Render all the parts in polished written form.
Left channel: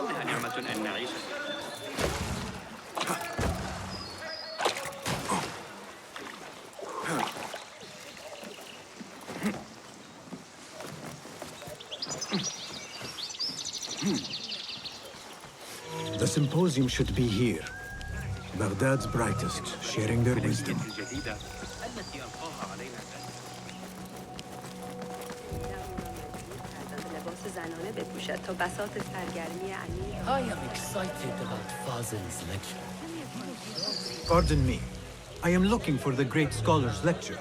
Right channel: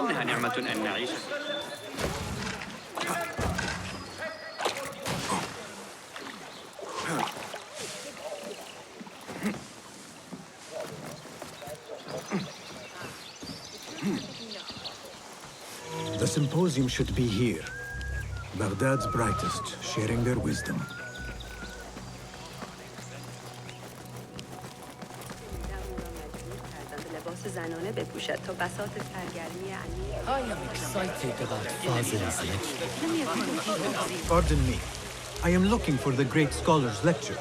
إنها نعمة أن نعيش. The symposium should be here. Baghdad's brightest, sharing their wisdom. I am excited about Fazil's lecture. Pardon me. I am looking for the great scholar's lecture.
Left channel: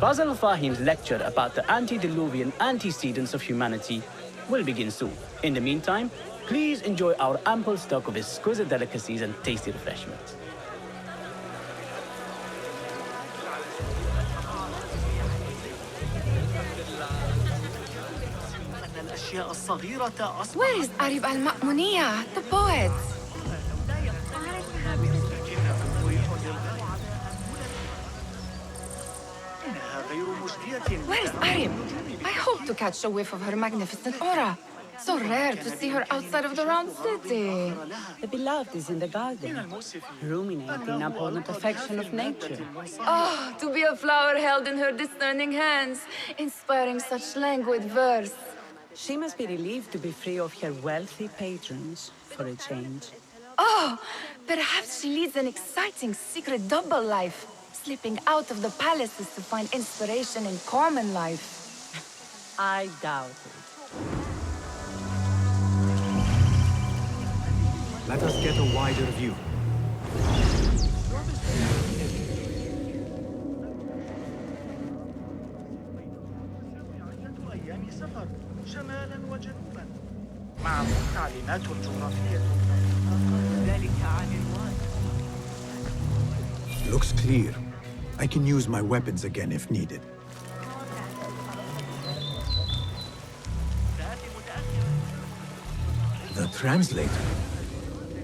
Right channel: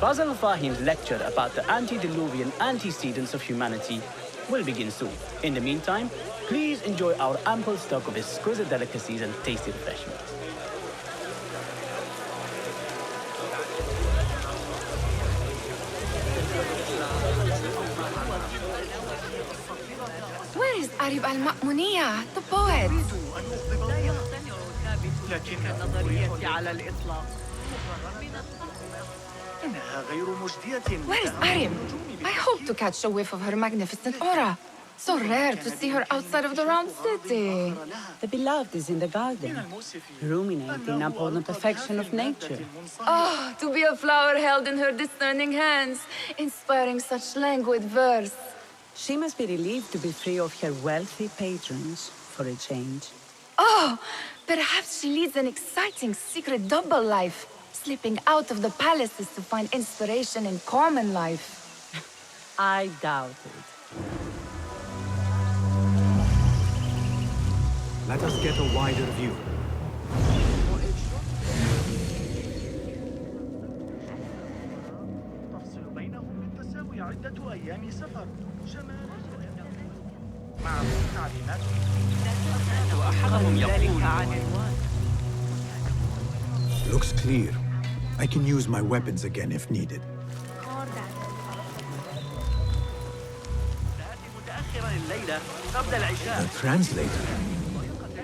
Fazil Fahim's lecture about the antediluvian antecedents of humanity will begin soon. In the meantime, please enjoy our ample stock of exquisite delicacies and tasty refreshments. Where is Arib al-Ma'muniya, the poet? Where is Arib? I hope to catch a whiff of her magnificent aura. So rare to see her outside of the round city. The beloved is in the garden, ruminating upon the perfection of nature. Oh, to be a flower held in her discerning hands, inspiring such languid verse. She must be relieved to be free of her wealthy patrons for a change. Oh, perhaps she leads an exciting secret double life, slipping out of the palaces to find inspiration in common life. I doubt it. Let us get a wider view. Looks clear. I can use my weapons again if needed. The translator?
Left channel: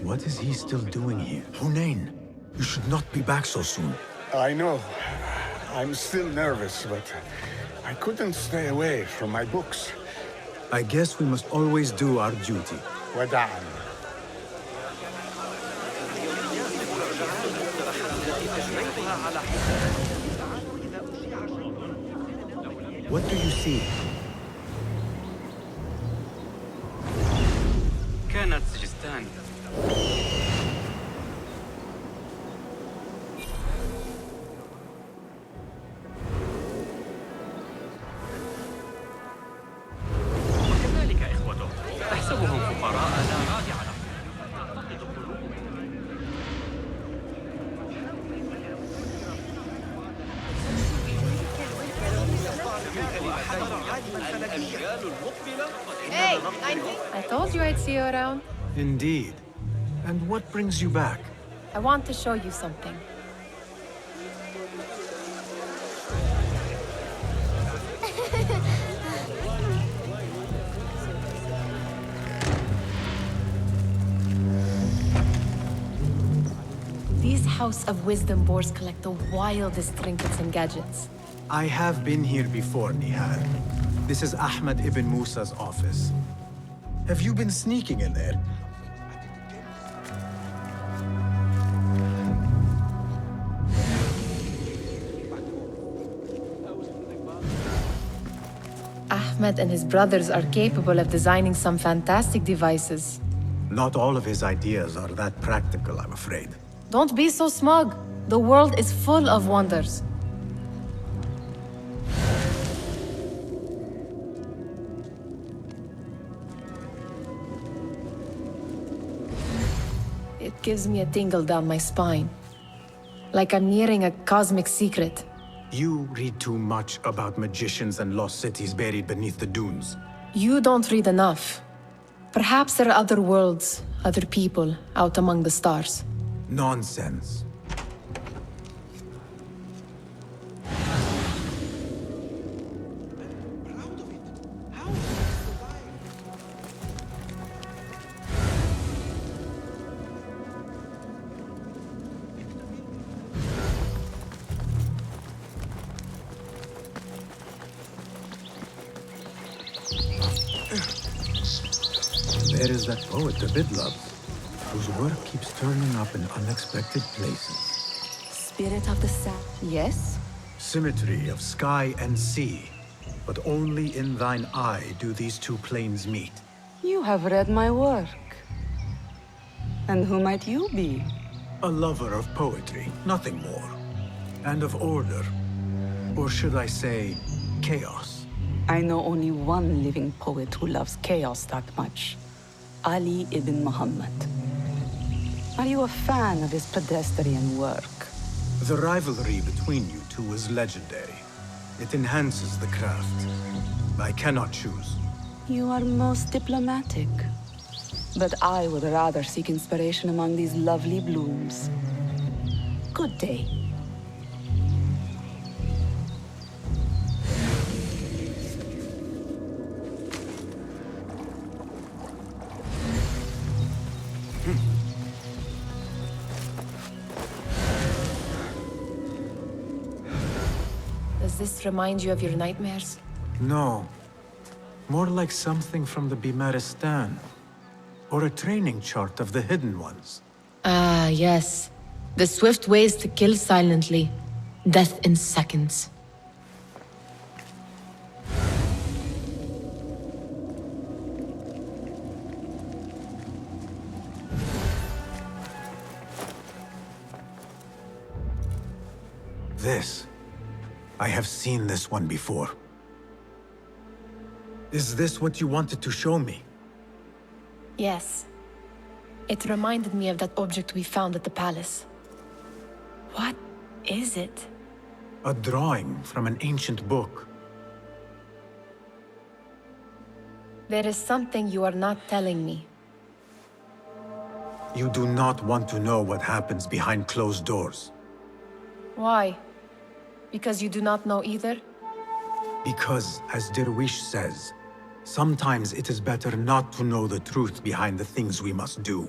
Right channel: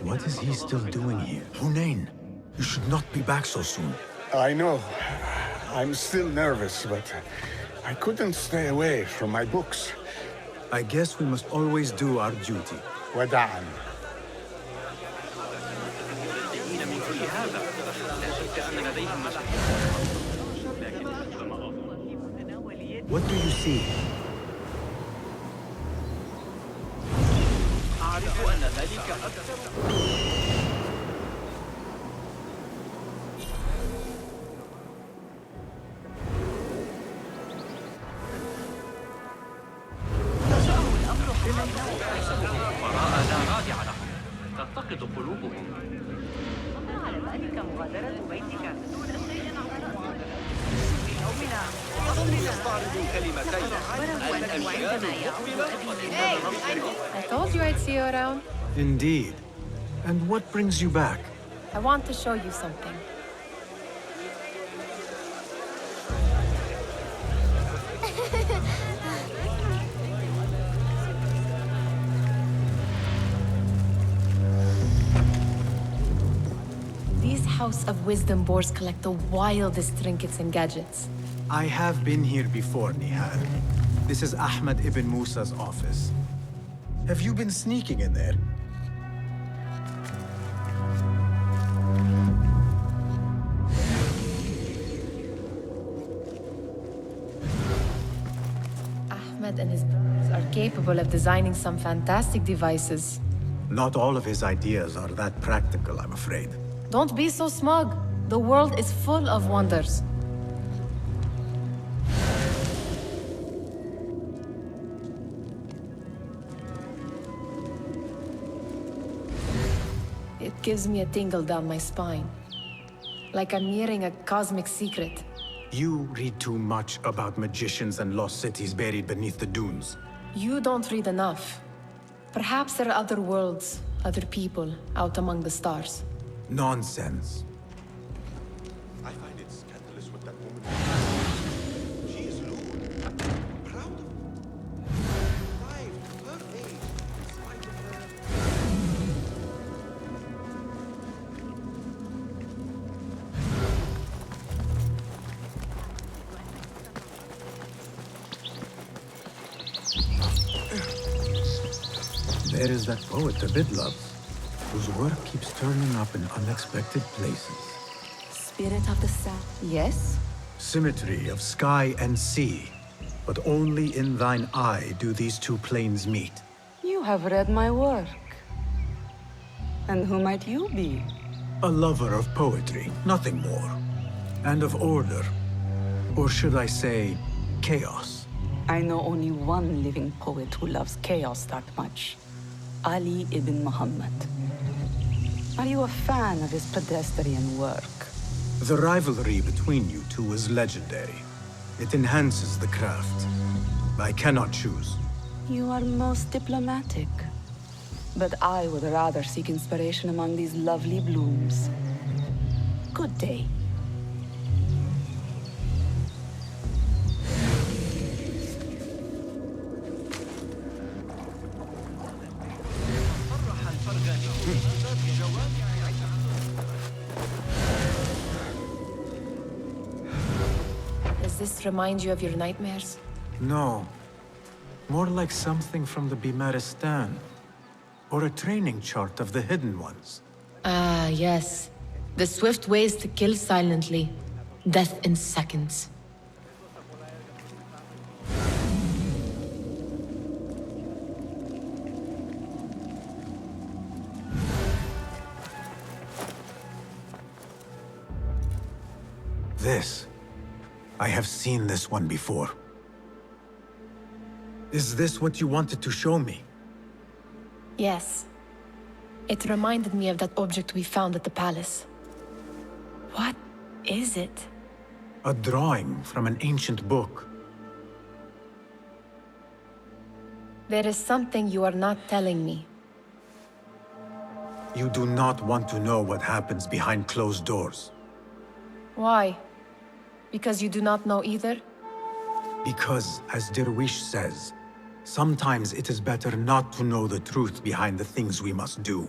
What is he still doing here? Hunain, you should not be back so soon. I know. I'm still nervous, but I couldn't stay away from my books. I guess we must always do our duty. وداعاً. What do you see? أحسبهم فقراء لا رادع لهم، تفتقد قلوبهم. I told you I'd see you around. Indeed. And what brings you back? I want to show you something. These House of Wisdom boars collect the wildest trinkets and gadgets. I have been here before, Nihal. This is Ahmed ibn Musa's office. Have you been sneaking in there? Ahmed and his brothers are capable of designing some fantastic devices. Not all of his ideas are that practical, I'm afraid. Don't be so smug. The world is full of wonders. It gives me a tingle down my spine. Like I'm nearing a cosmic secret. You read too much about magicians and lost cities buried beneath the dunes. You don't read enough. Perhaps there are other worlds, other people, out among the stars. Nonsense. there is that poet the bid loves, whose work keeps turning up in unexpected places. Spirit of the sun. Yes? Symmetry of sky and sea, but only in thine eye do these two planes meet. You have read my work. And who might you be? A lover of poetry, nothing more. And of order. Or should I say, chaos. I know only one living poet who loves chaos that much. Ali ibn Muhammad. Are you a fan of his pedestrian work? The rivalry between you two is legendary. It enhances the craft. I cannot choose. You are most diplomatic. But I would rather seek inspiration among these lovely blooms. Good day. Does this remind you of your nightmares? No. More like something from the Bimaristan. Or a training chart of the Hidden Ones. Ah, yes. The swift ways to kill silently. Death in seconds. This. I have seen this one before. Is this what you wanted to show me? Yes. It reminded me of that object we found at the palace. What is it? A drawing from an ancient book. There is something you are not telling me. You do not want to know what happens behind closed doors. Why? Because you do not know either? Because, as Derwish says, sometimes it is better not to know the truth behind the things we must do.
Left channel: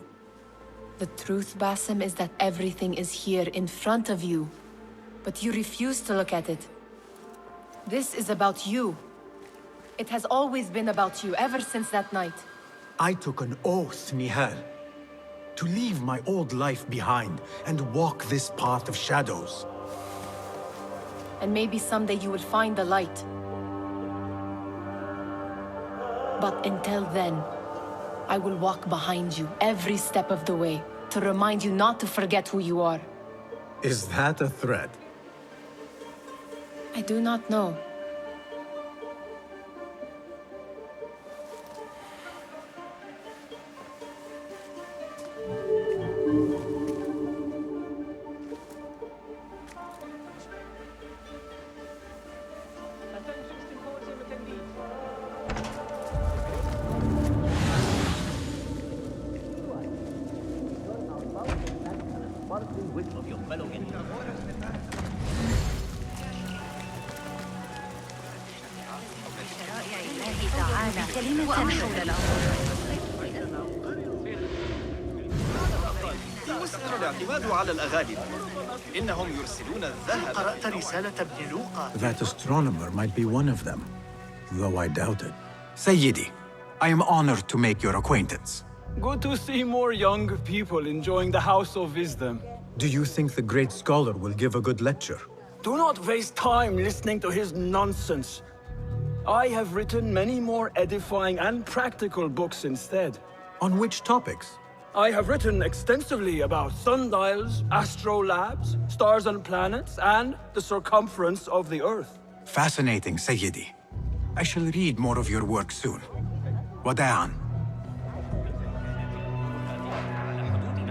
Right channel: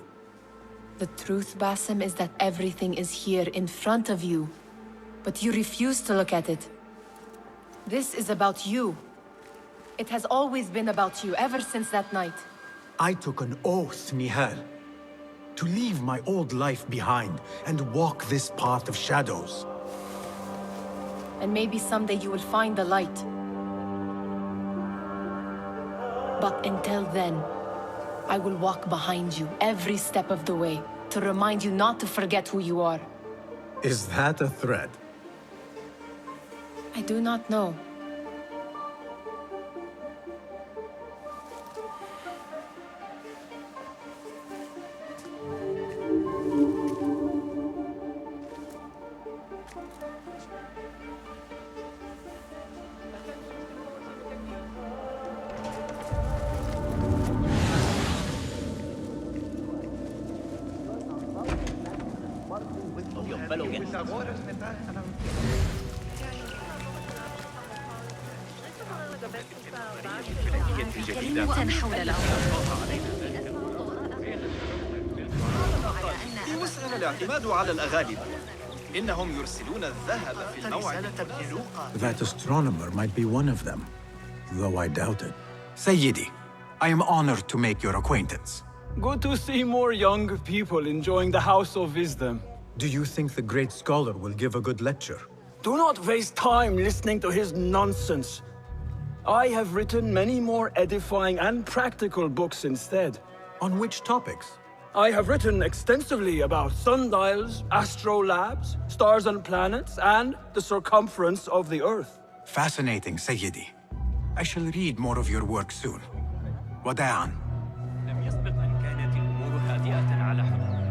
The truth, Basim, is that everything is here in front of you. But you refuse to look at it. This is about you. It has always been about you, ever since that night. I took an oath, Nihal, to leave my old life behind and walk this path of shadows. And maybe someday you will find the light. But until then, I will walk behind you every step of the way to remind you not to forget who you are. Is that a threat? I do not know. Of your fellow guests. كلمة حول الأمر. يوسعنا الاعتماد على الأغالبة. إنهم يرسلون الذهب قرأت رسالة ابن لوقا. That astronomer might be one of them, though I doubt it. Sayyidi, I am honored to make your acquaintance. Good to see more young people enjoying the House of Wisdom. Do you think the great scholar will give a good lecture? Do not waste time listening to his nonsense. I have written many more edifying and practical books instead. On which topics? I have written extensively about sundials, astrolabes, stars and planets, and the circumference of the Earth. Fascinating, Sayyidi. I shall read more of your work soon. Wada'an.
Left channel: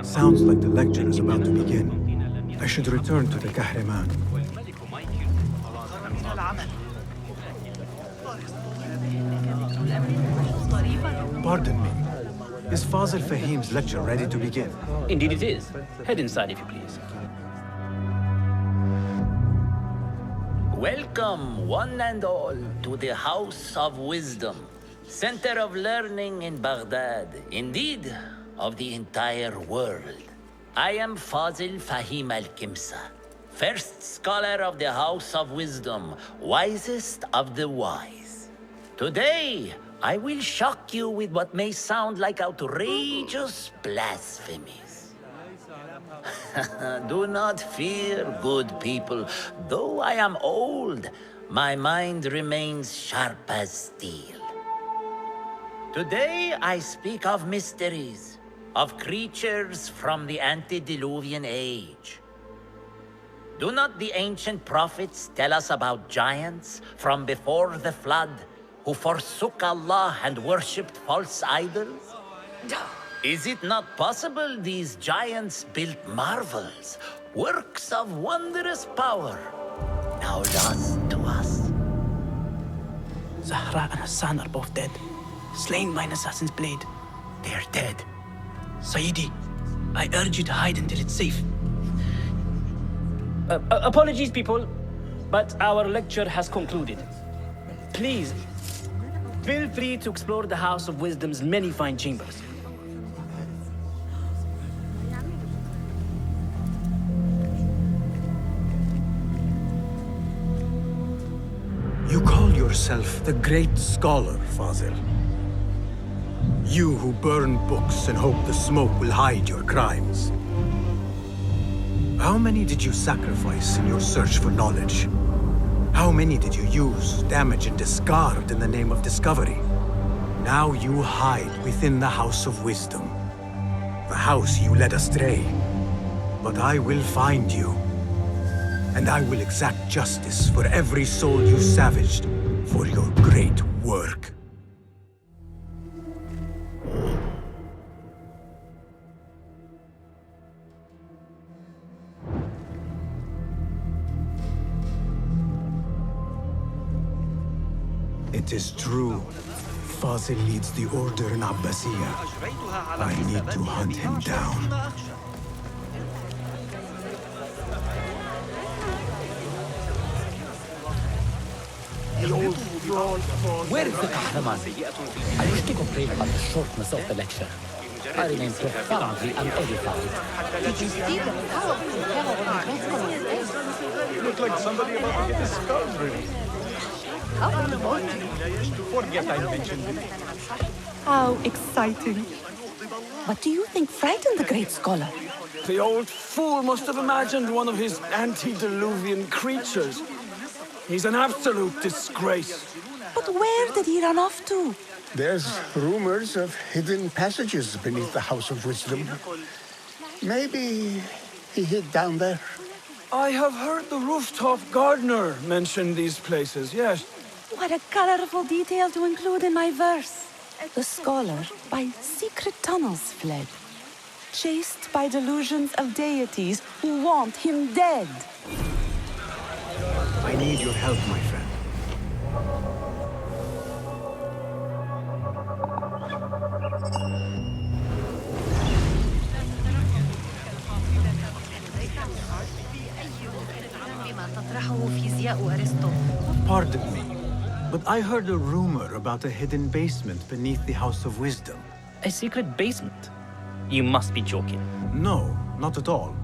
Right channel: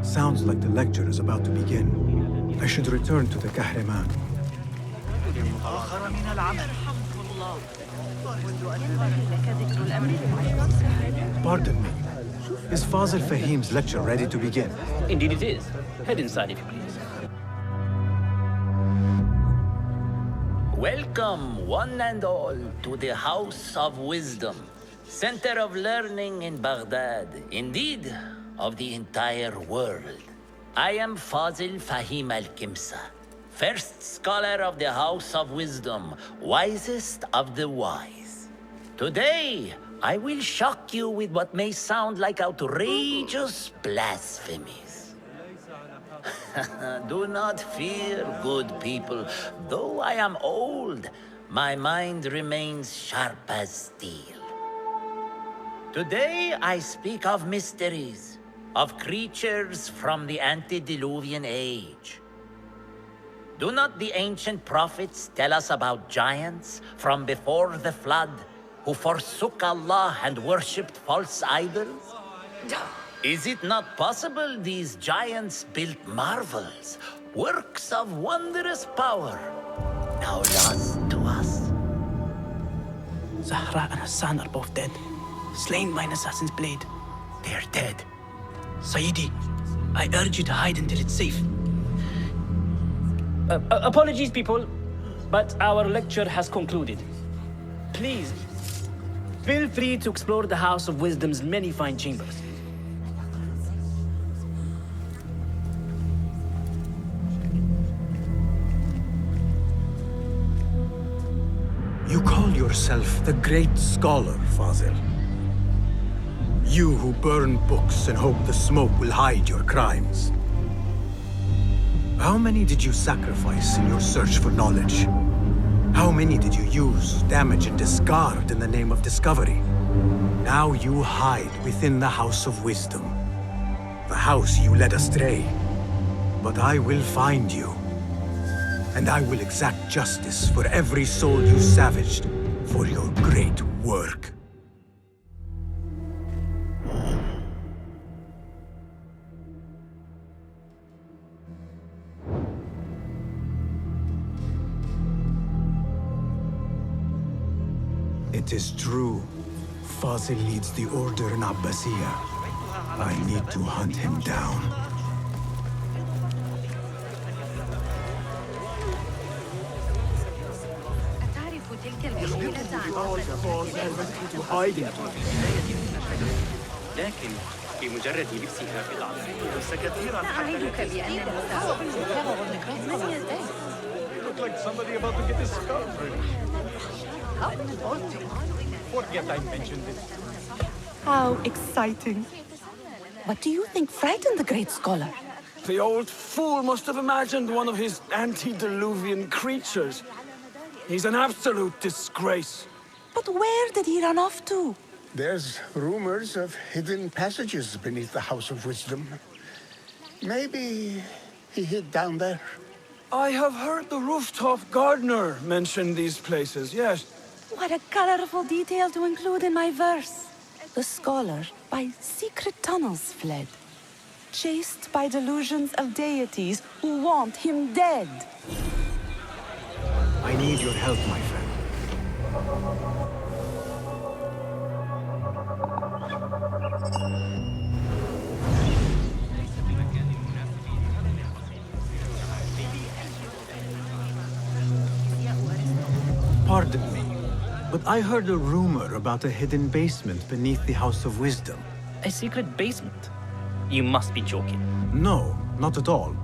Sounds like the lecture is about to begin. I should return to the Kahraman. Pardon me. Is Fazil Fahim's lecture ready to begin? Indeed it is. Head inside if you please. Welcome, one and all, to the House of Wisdom, center of learning in Baghdad, indeed, of the entire world. I am Fazil Fahim al-Kimsa, first scholar of the House of Wisdom, wisest of the wise. Today, I will shock you with what may sound like outrageous blasphemies. Do not fear, good people. Though I am old, my mind remains sharp as steel. Today I speak of mysteries, of creatures from the antediluvian age. Do not the ancient prophets tell us about giants from before the flood who forsook Allah and worshipped false idols? Is it not possible these giants built marvels, works of wondrous power, now lost to us? Zahra and Hassan are both dead, slain by an assassin's blade. They're dead. Sayyidi, I urge you to hide until it's safe. Apologies, people, but our lecture has concluded. Please, feel free to explore the House of Wisdom's many fine chambers. You call yourself the great scholar, Fazil. You who burn books and hope the smoke will hide your crimes. How many did you sacrifice in your search for knowledge? How many did you use, damage, and discard in the name of discovery? Now you hide within the House of Wisdom. The house you led astray. But I will find you. And I will exact justice for every soul you savaged for your great work. It is true. Fazil leads the order in Abbasiyah. I need to hunt him down. Look like somebody about to get his skull ready. Forget I mentioned it. How exciting. What do you think frightened the great scholar? The old fool must have imagined one of his antediluvian creatures. He's an absolute disgrace. But where did he run off to? There's rumors of hidden passages beneath the House of Wisdom. Maybe he hid down there. I have heard the rooftop gardener mention these places, yes. What a colorful detail to include in my verse. The scholar by secret tunnels fled, chased by delusions of deities who want him dead. I need your help, my friend. Pardon me, but I heard a rumor about a hidden basement beneath the House of Wisdom. A secret basement? You must be joking. No, not at all.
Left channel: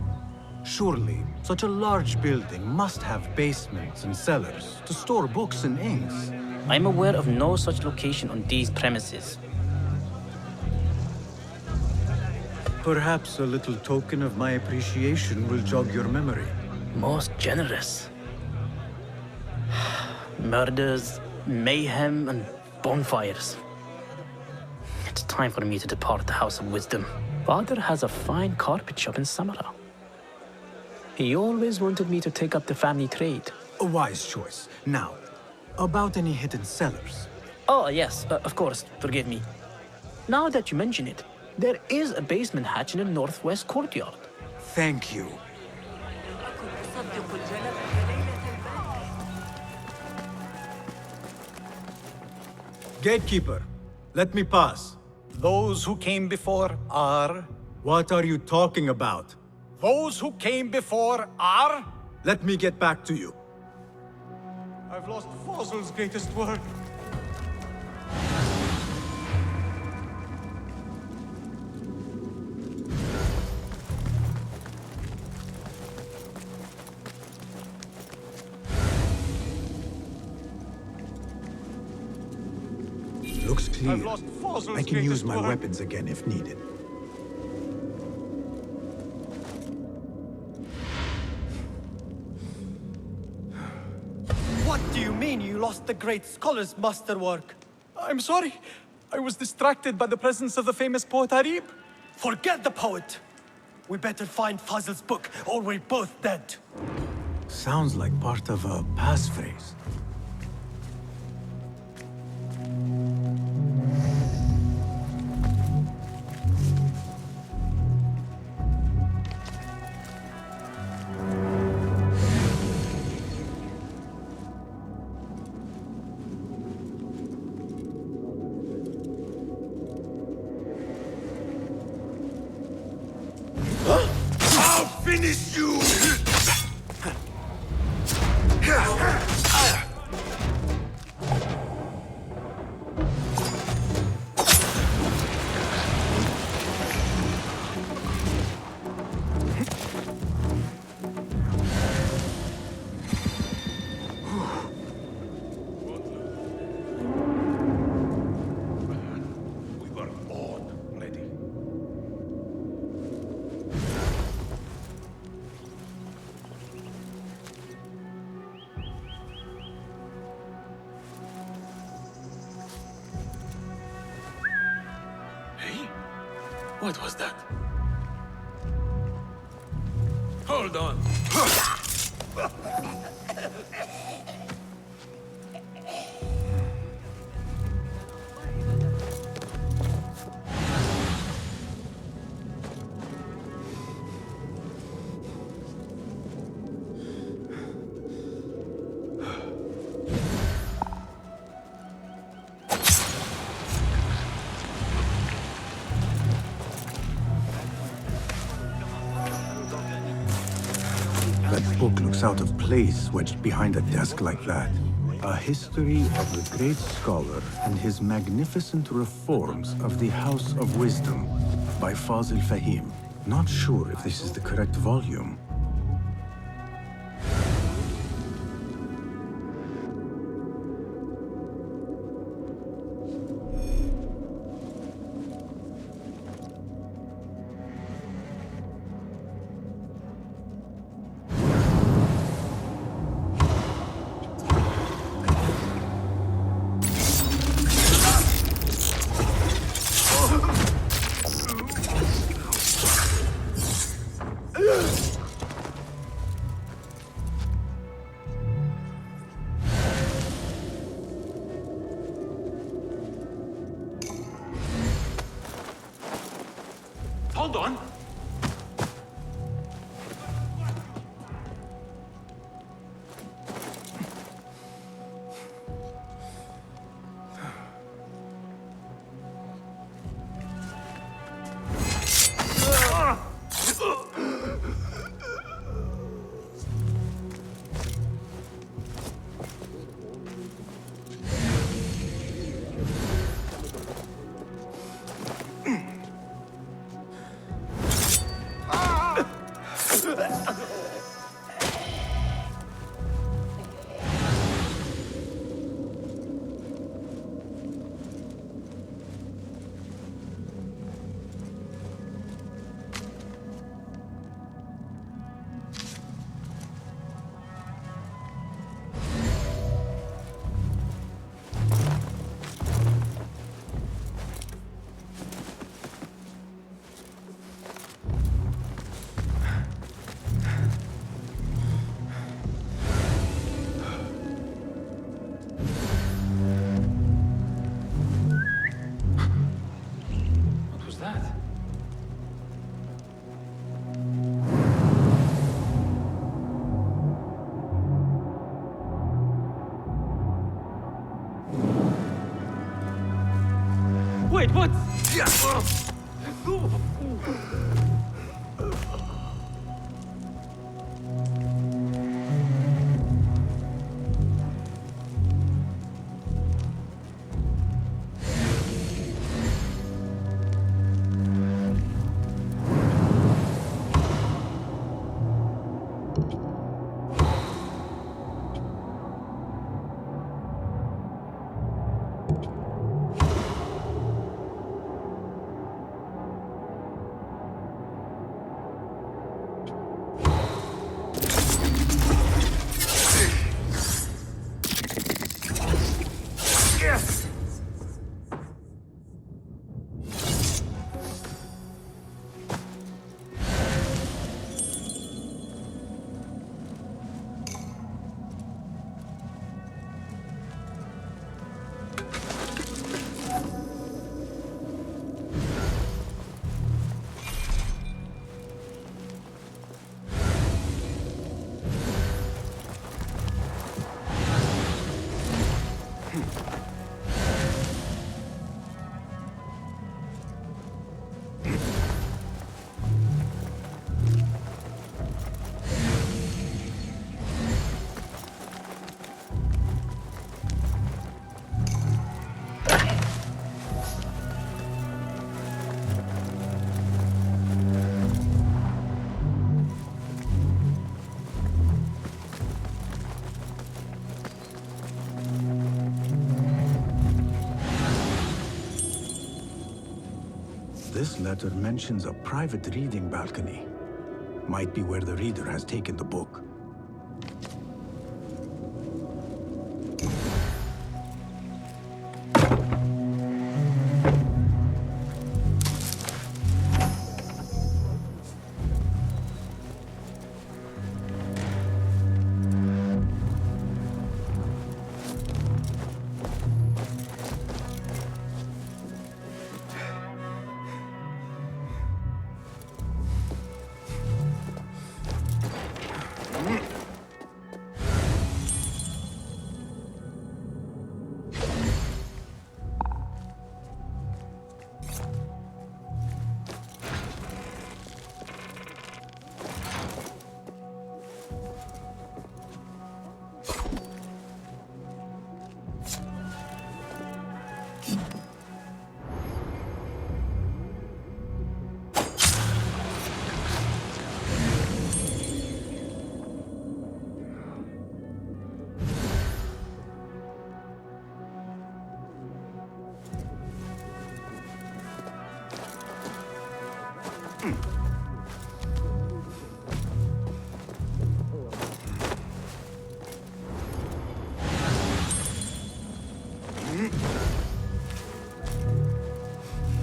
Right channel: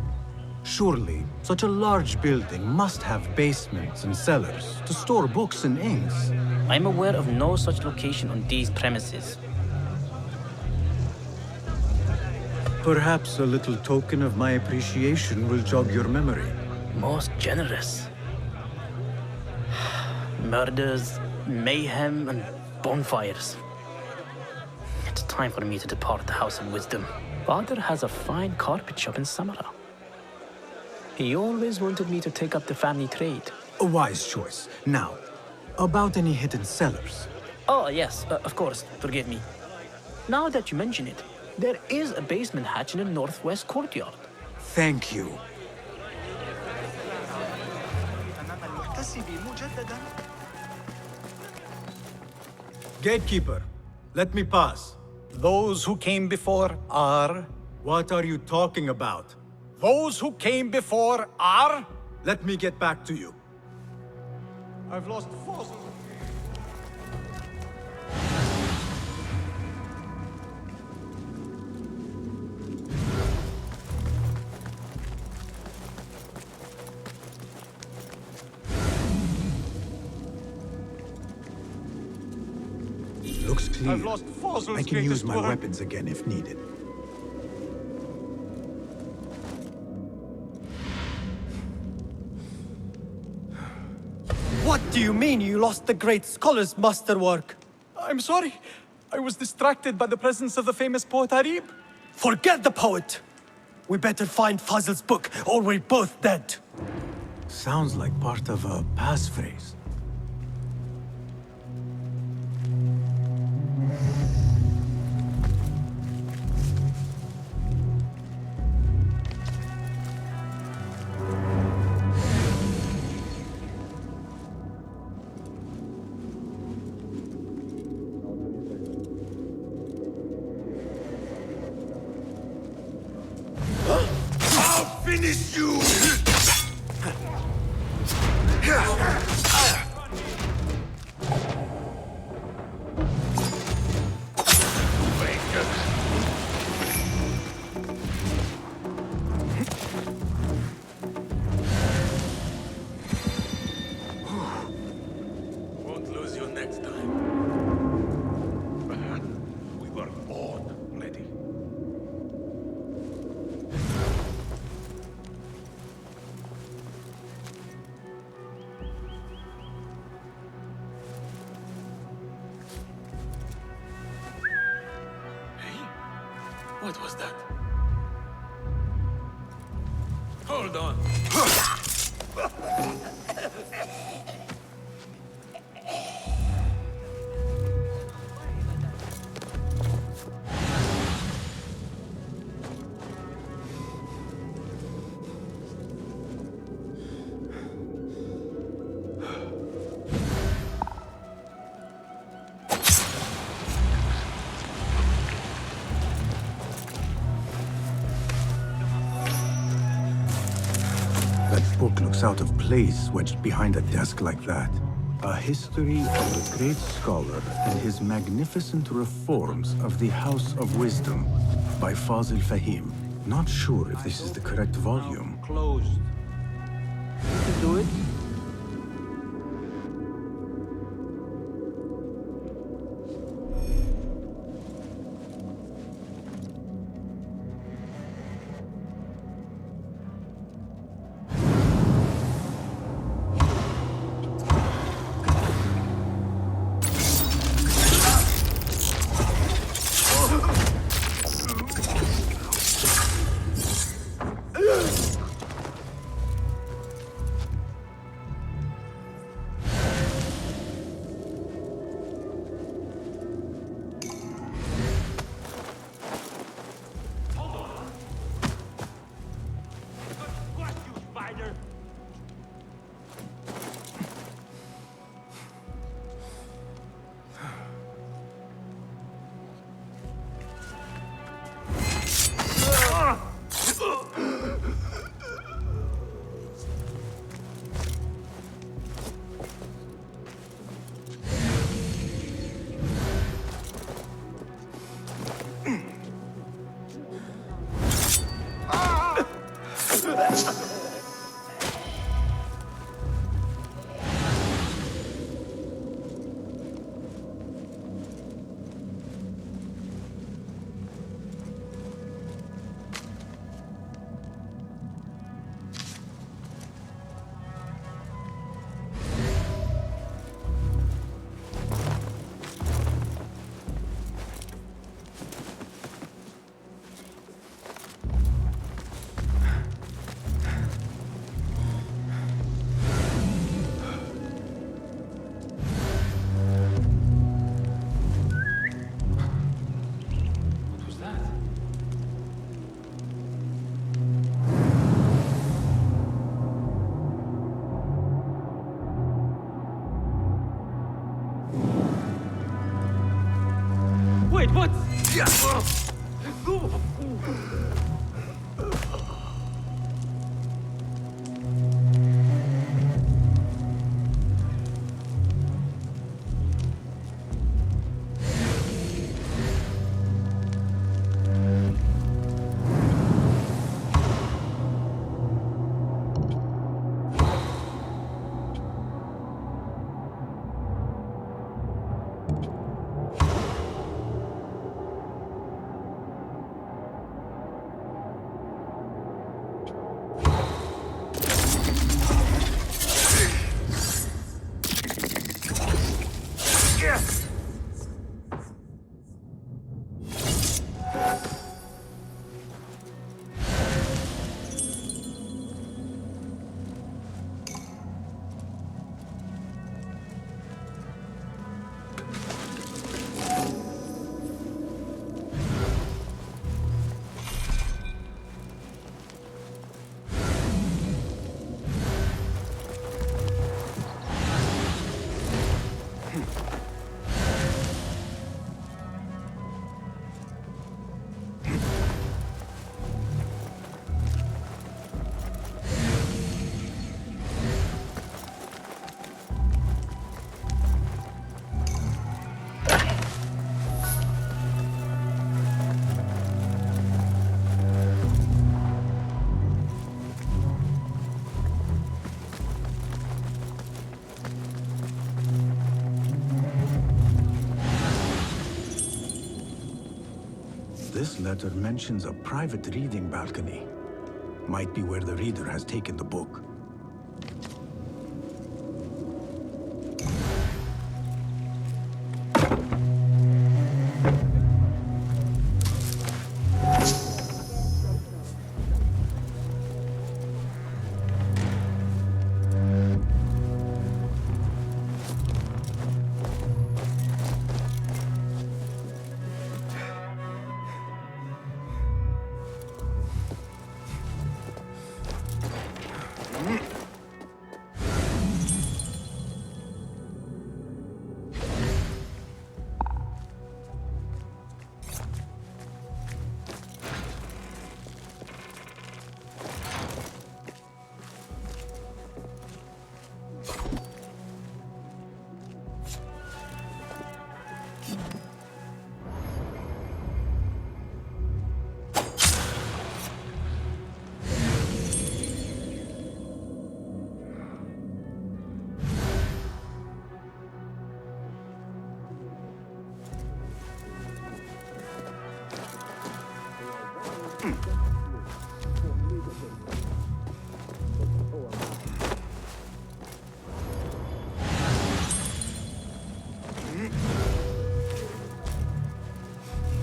Surely, such a large building must have basements and cellars to store books and inks. I'm aware of no such location on these premises. Perhaps a little token of my appreciation will jog your memory. Most generous. Murders, mayhem, and bonfires. It's time for me to depart the House of Wisdom. Father has a fine carpet shop in Samara. He always wanted me to take up the family trade. A wise choice. Now, about any hidden cellars? Oh, yes, of course, forgive me. Now that you mention it, there is a basement hatch in the northwest courtyard. Thank you. Gatekeeper, let me pass. Those who came before are... What are you talking about? Those who came before are... Let me get back to you. I've lost Fazil's greatest work. Looks clear. I've lost Fazl's I can use greatest my work. weapons again if needed. What do you mean you lost the great scholar's masterwork? I'm sorry. I was distracted by the presence of the famous poet Harib. Forget the poet! We better find Fazl's book, or we're both dead. Sounds like part of a passphrase. I'll finish you! Won't lose you next time. We were all ready. Hey? What was that? Hold on. That book looks out of place wedged behind a desk like that. A history of the great scholar and his magnificent reforms of the House of Wisdom by Fazil Fahim. Not sure if this is the correct volume. Hold on. What was that? Wait, what? This letter mentions a private reading balcony. Might be where the reader has taken the book.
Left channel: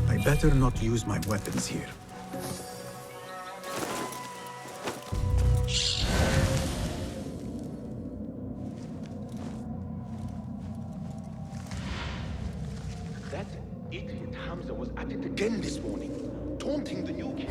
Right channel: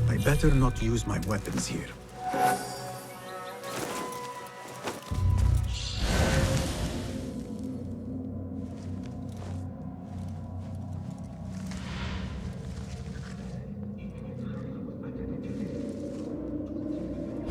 I better not use my weapons here. That idiot Hamza was at it again this morning, taunting the new kid.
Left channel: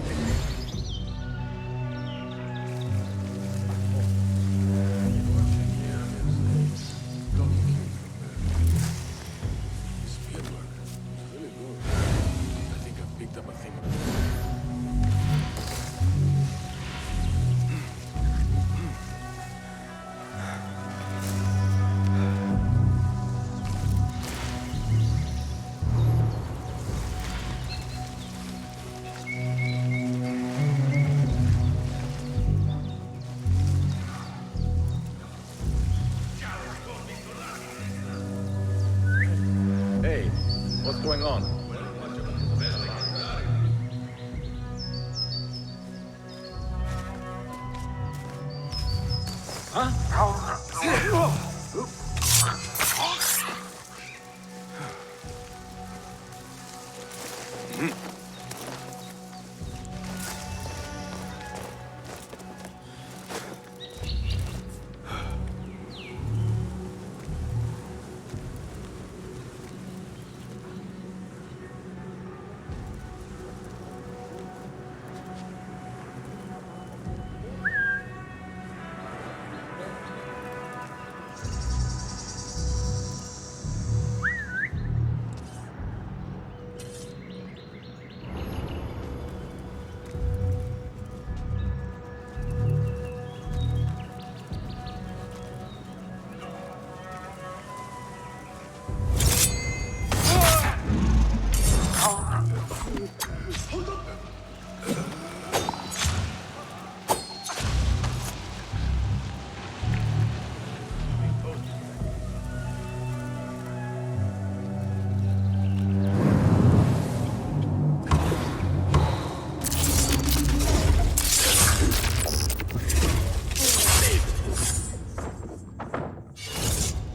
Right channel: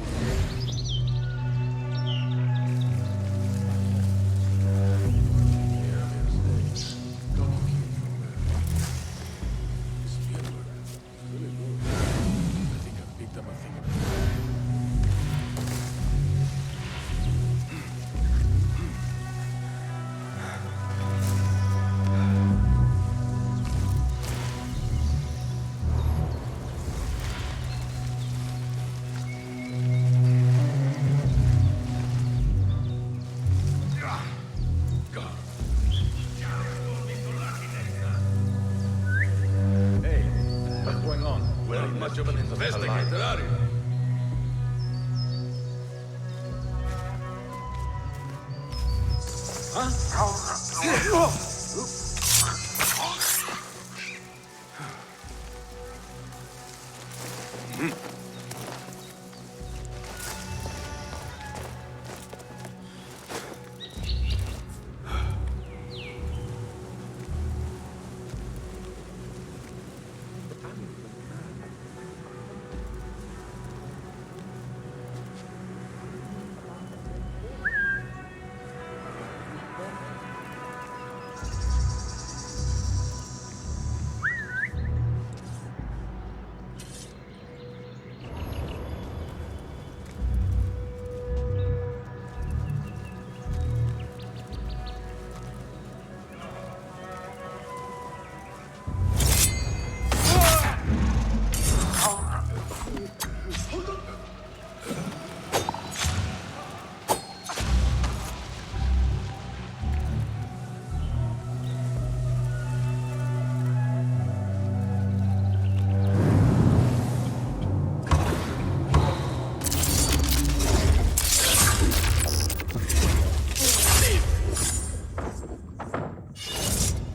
What's going on? Well, much of an investigator, are you?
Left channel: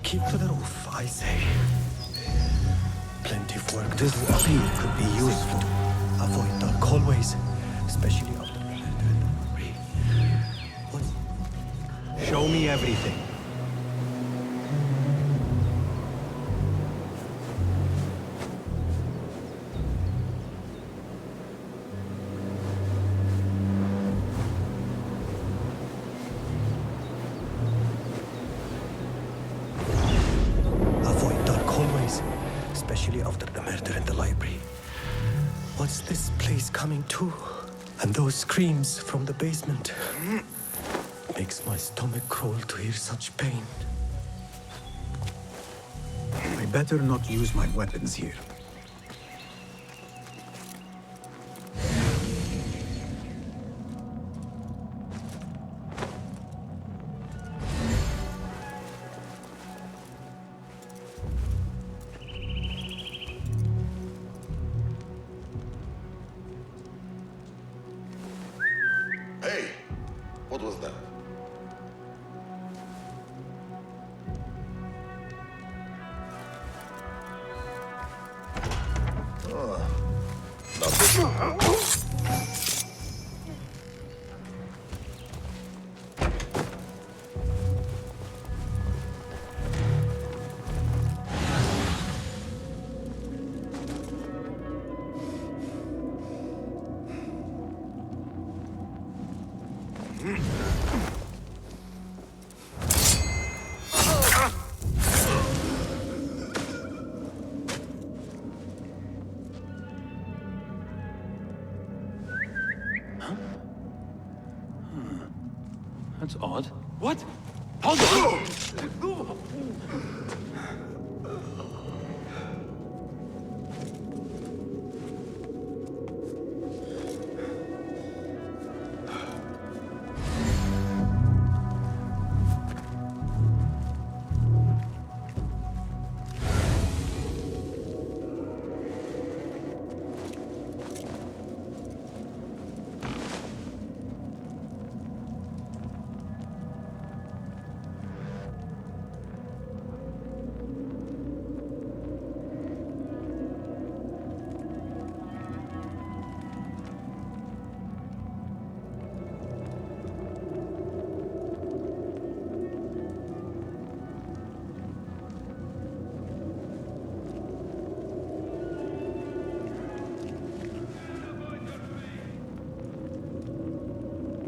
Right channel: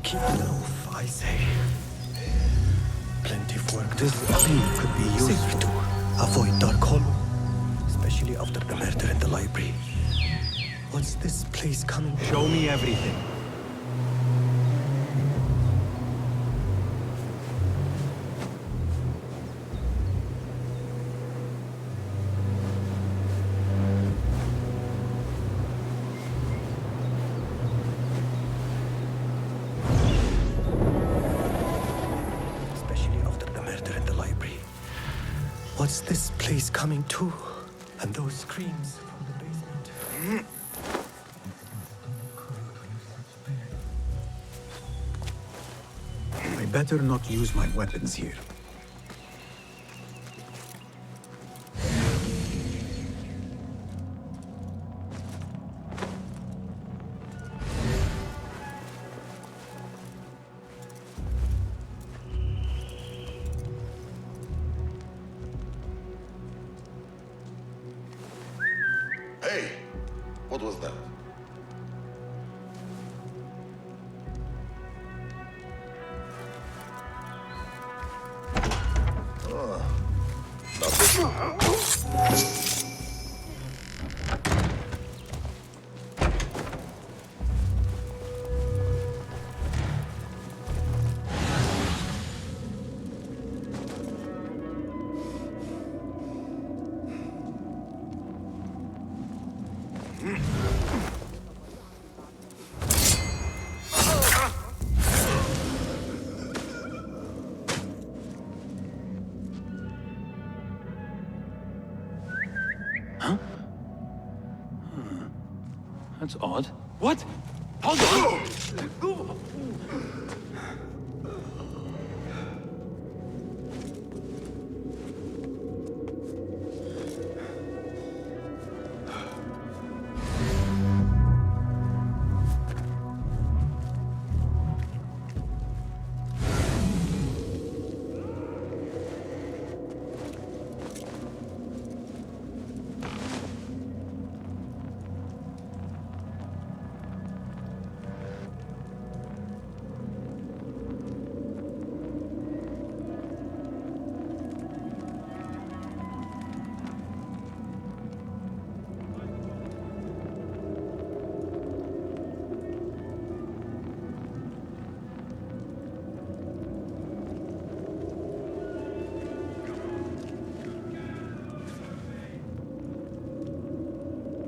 Keep to the roof, I say. Plenty of work to This do. appeal could be useful. Avoid dark hallways, especially after the murder in the library. What's this place coming? Show me everything. Avoid dark hallways, especially after the murder in the library. What's this place coming to? And those screams from the basement. Makes my stomach crawl to hear such pain. I better not use my weapons here. What was that? Not this. That's odd. What? Hold on!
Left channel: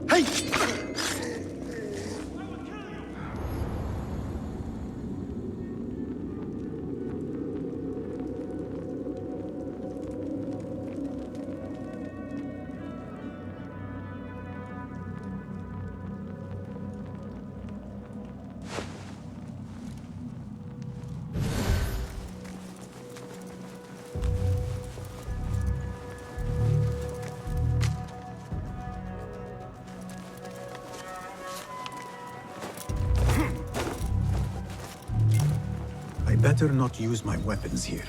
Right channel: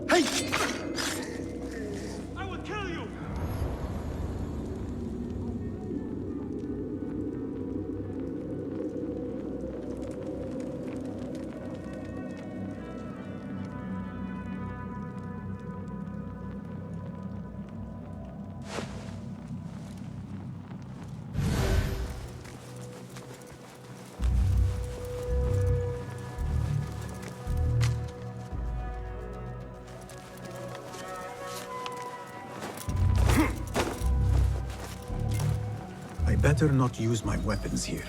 I will kill you! I better not use my weapons here.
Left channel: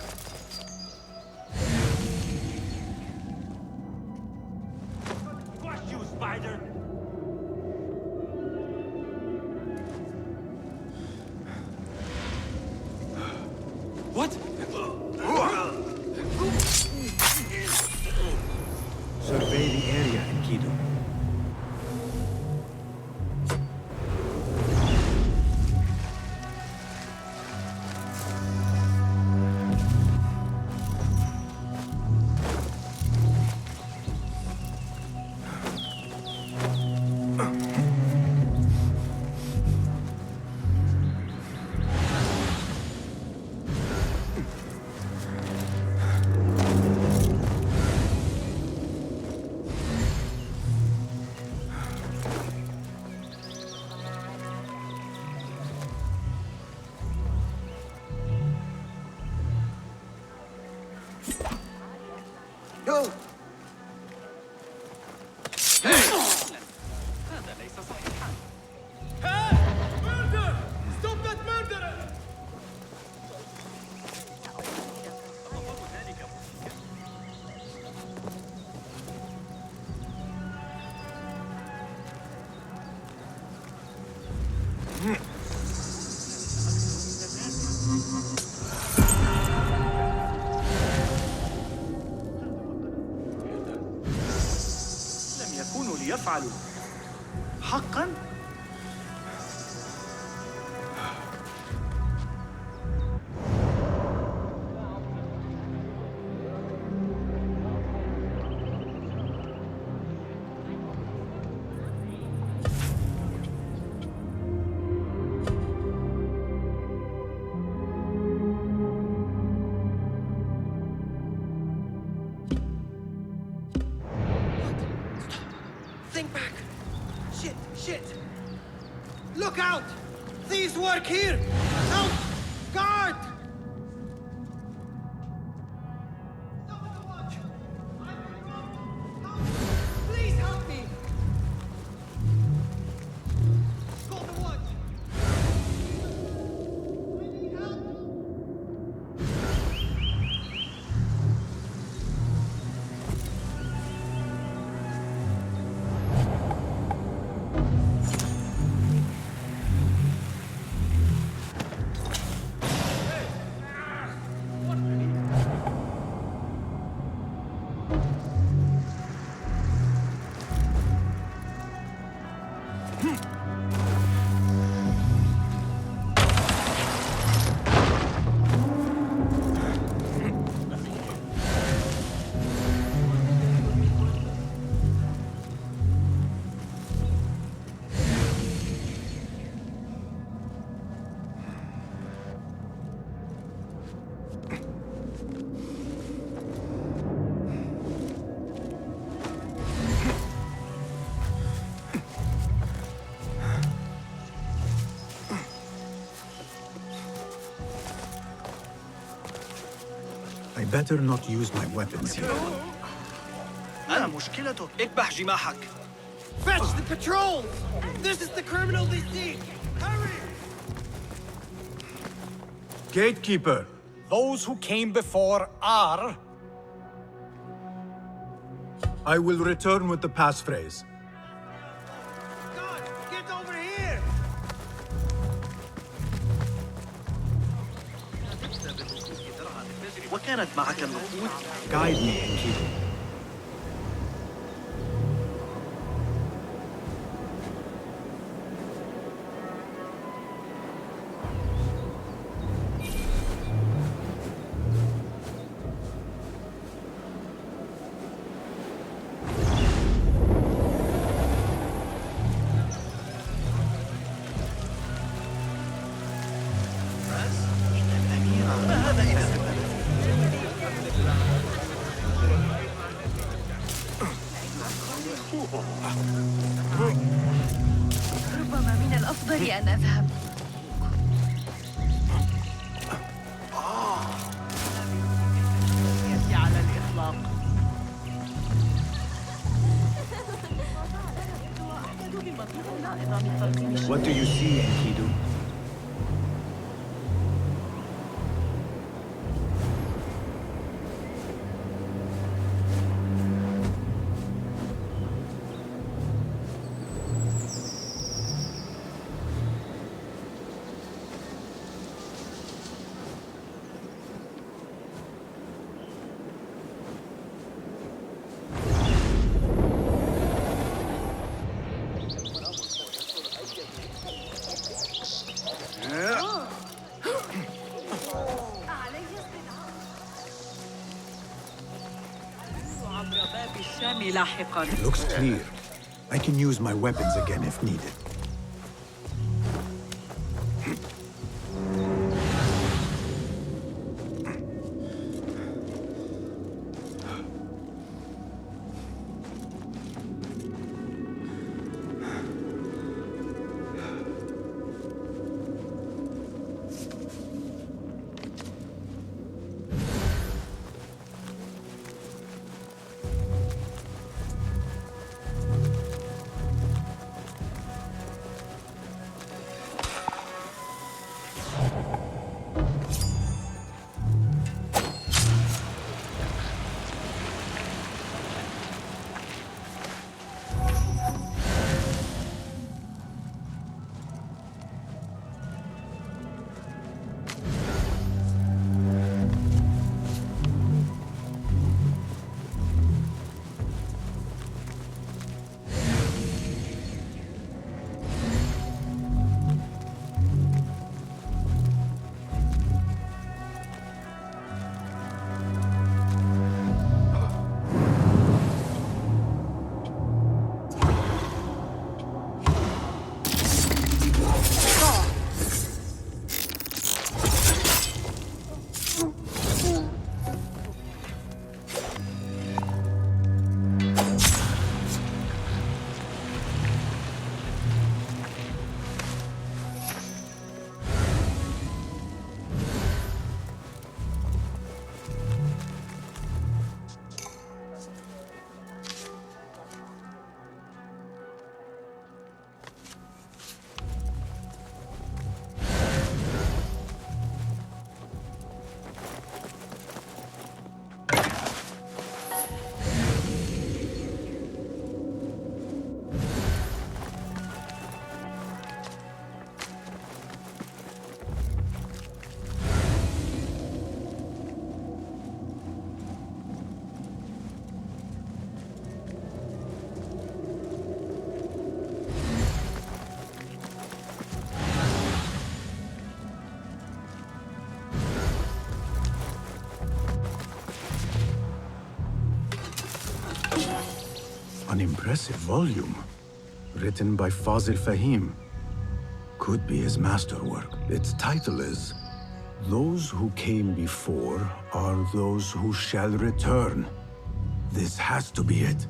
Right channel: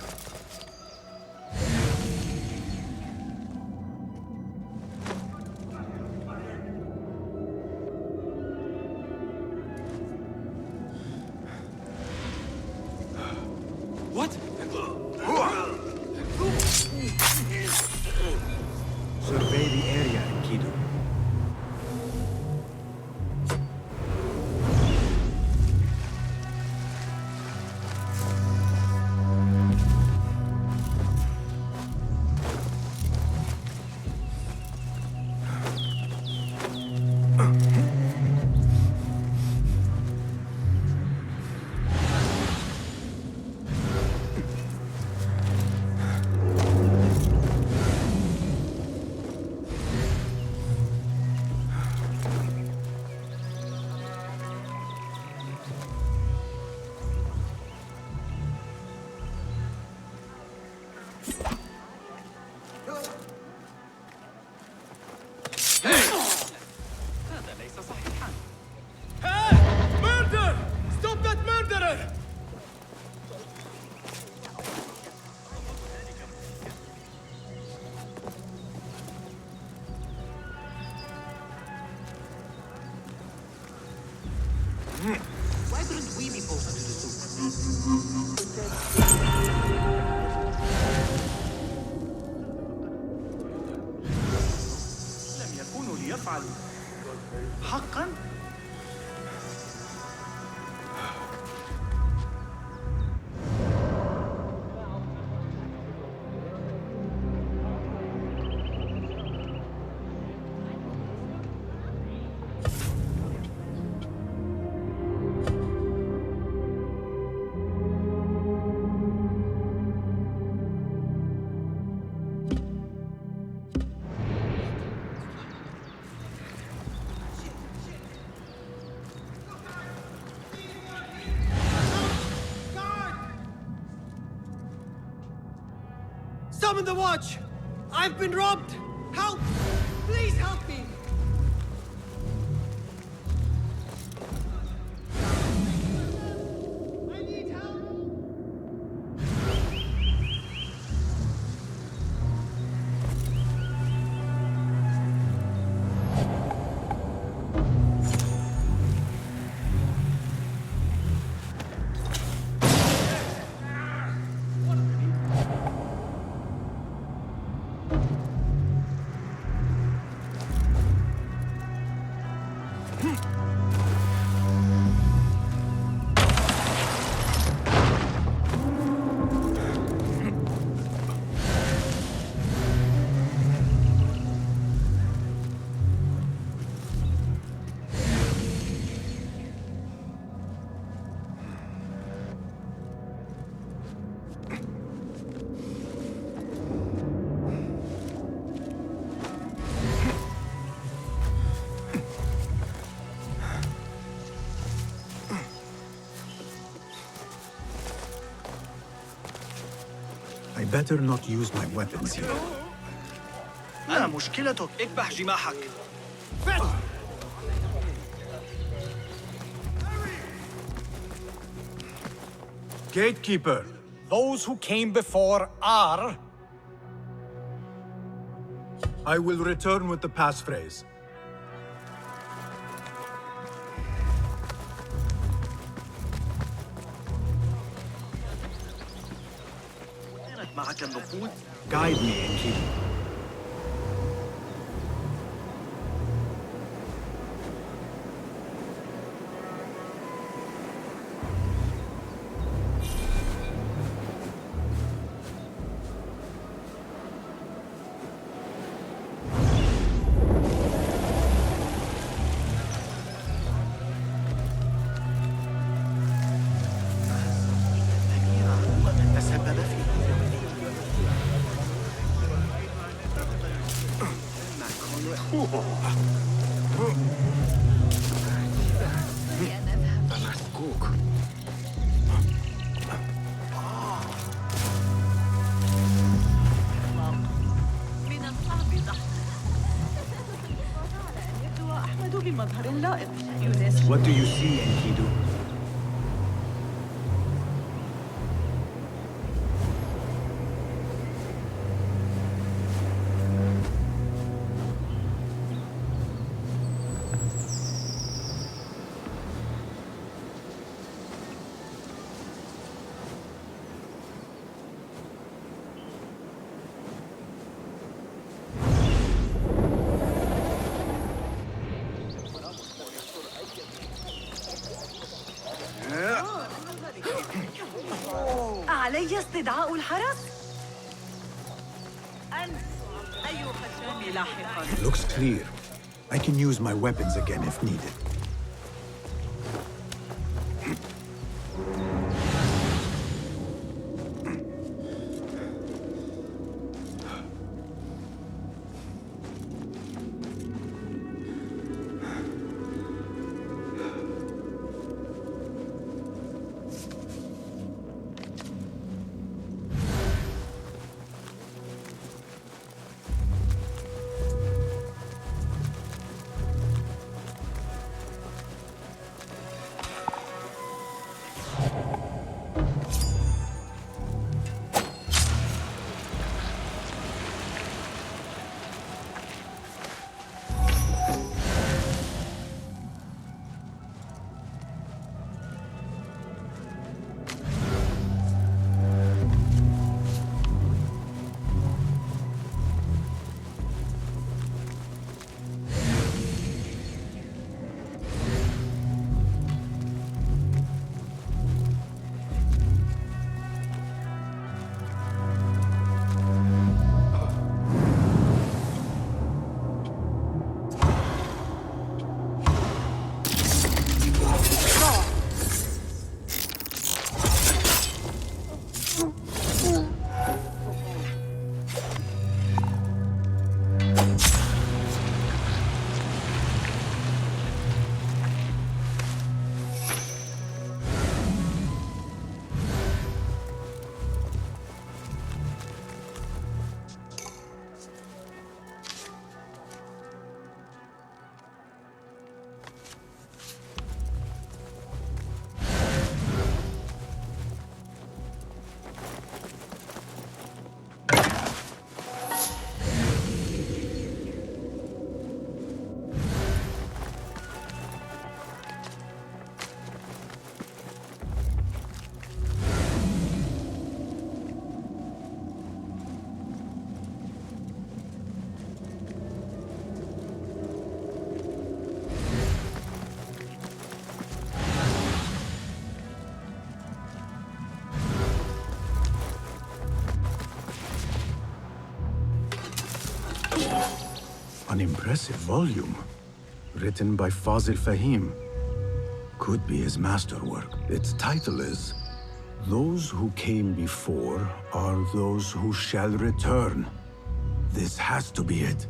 What? Survey the area, Enkidu. لم يكونوا ليفعلوا حقا. Think back. Shit. Look out! Thieves work here! Out! Guard! Summon the watch! I've been robbed! Help! Please help me! Call the watch! I need help! better not use my weapons here. أنا مشكلتك اكبح جماحك. Fetch the patrol! This is the criminal they see! Hurry! Gatekeeper! Those who came before are... I will return with the passphrase. Get over here! وكانت معك النقود؟ Guide me, Enkidu. من الأفضل أن أذهب. What do you see, Enkidu? علي استدعاء الحرس؟ الشام لاحقاً. Looks clear. I can use my weapons again if needed. An impressive volume, written by Fazil Fahim. Could be his masterwork. Its title is, Those Who Came Before Are Those Who Shall Return. This has to be it.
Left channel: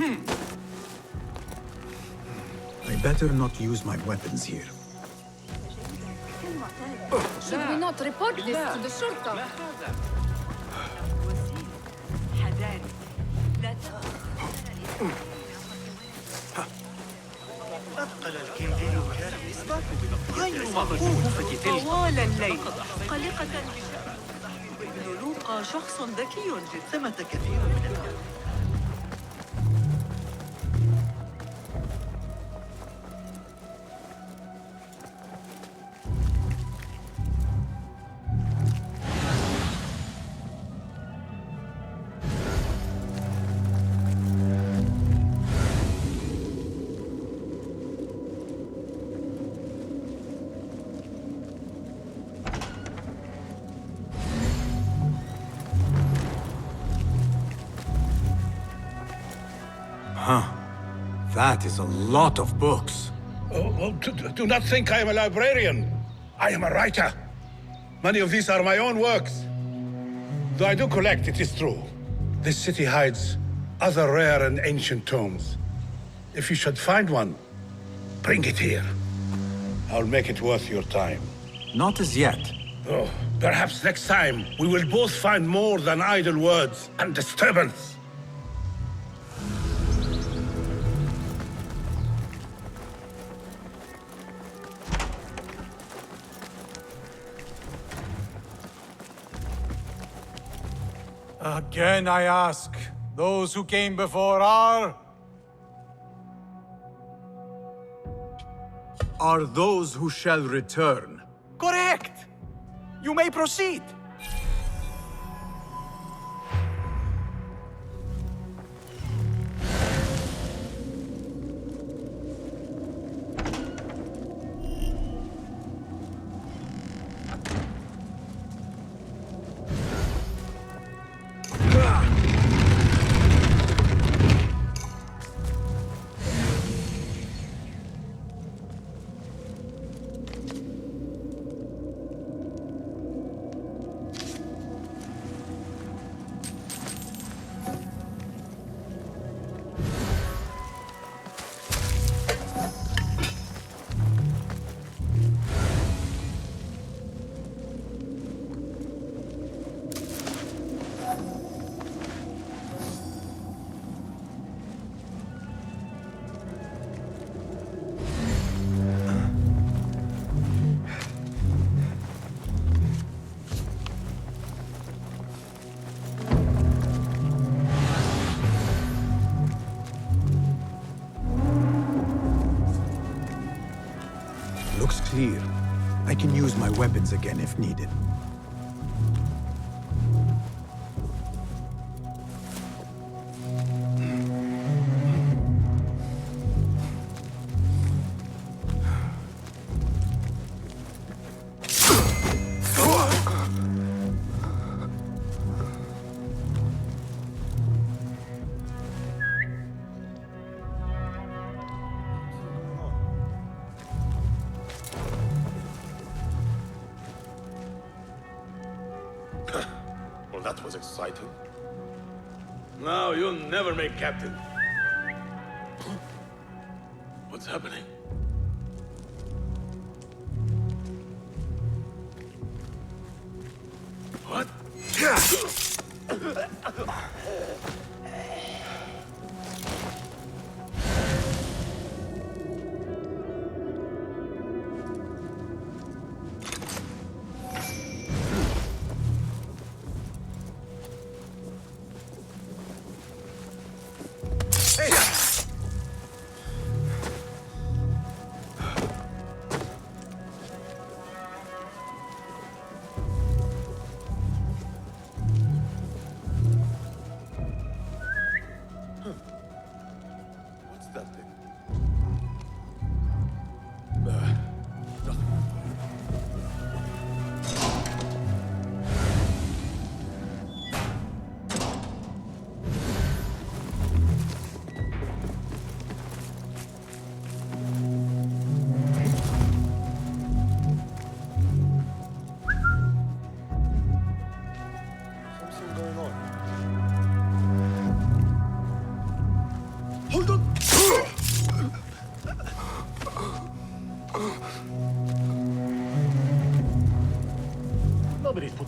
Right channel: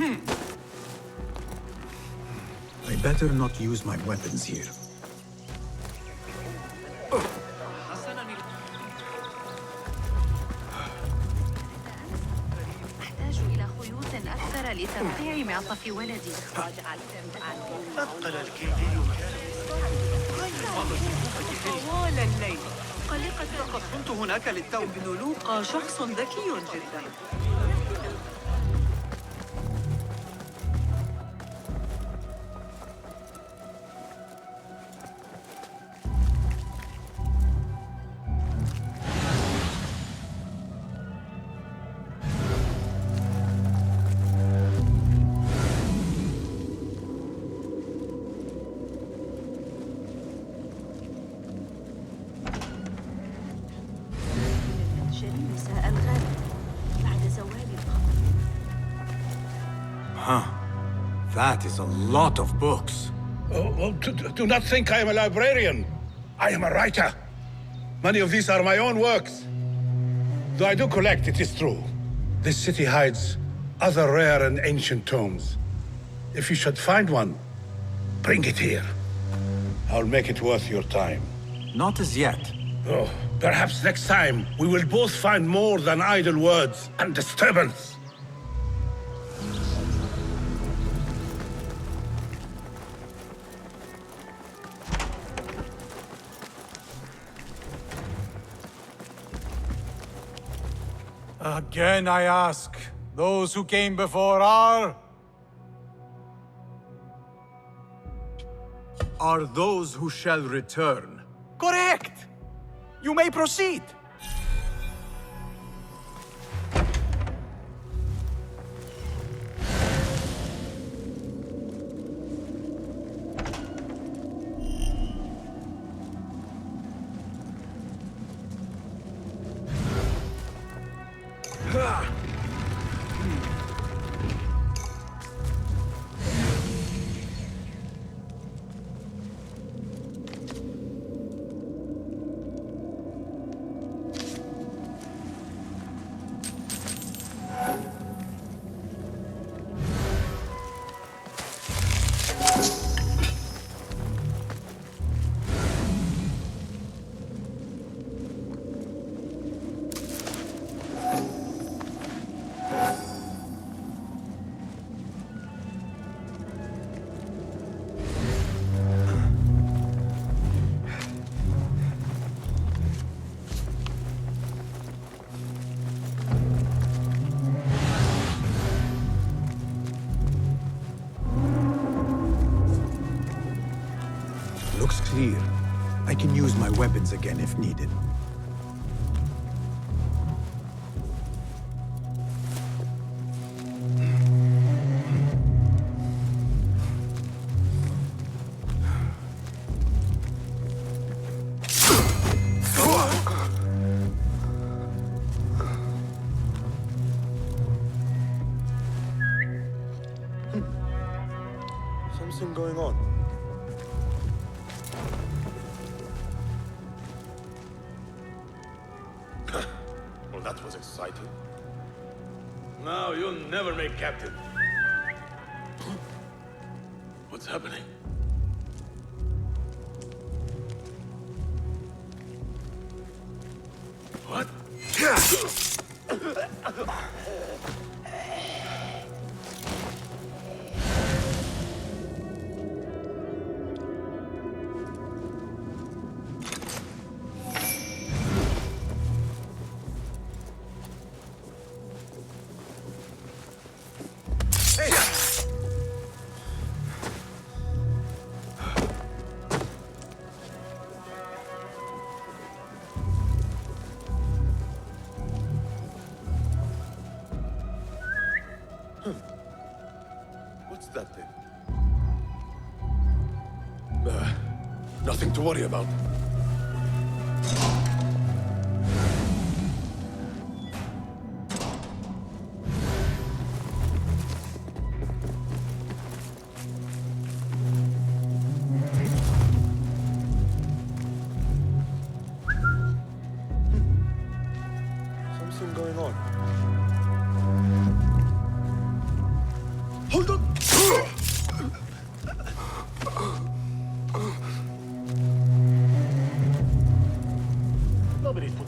I better not use my weapons here. Should we not report this to the shortcut? أثقل الكندي كان غير مفهوم طوال الليل قلقة كنت هناك للتو. ابن لوقا شخص ذكي جثمة كثيرة. Huh. That is a lot of books. Do not think I am a librarian. I am a writer. Many of these are my own works. Though I do collect, it is true. This city hides other rare and ancient tomes. If you should find one, bring it here. I'll make it worth your time. Not as yet. Oh, perhaps next time we will both find more than idle words and disturbance. Again I ask, those who came before are those who shall return. correct! You may proceed! Looks clear. I can use my weapons again if needed. Something going on. Well, that was exciting. No, you'll never make captain. What's happening? What? What's that thing? Nothing to worry about. Something going on.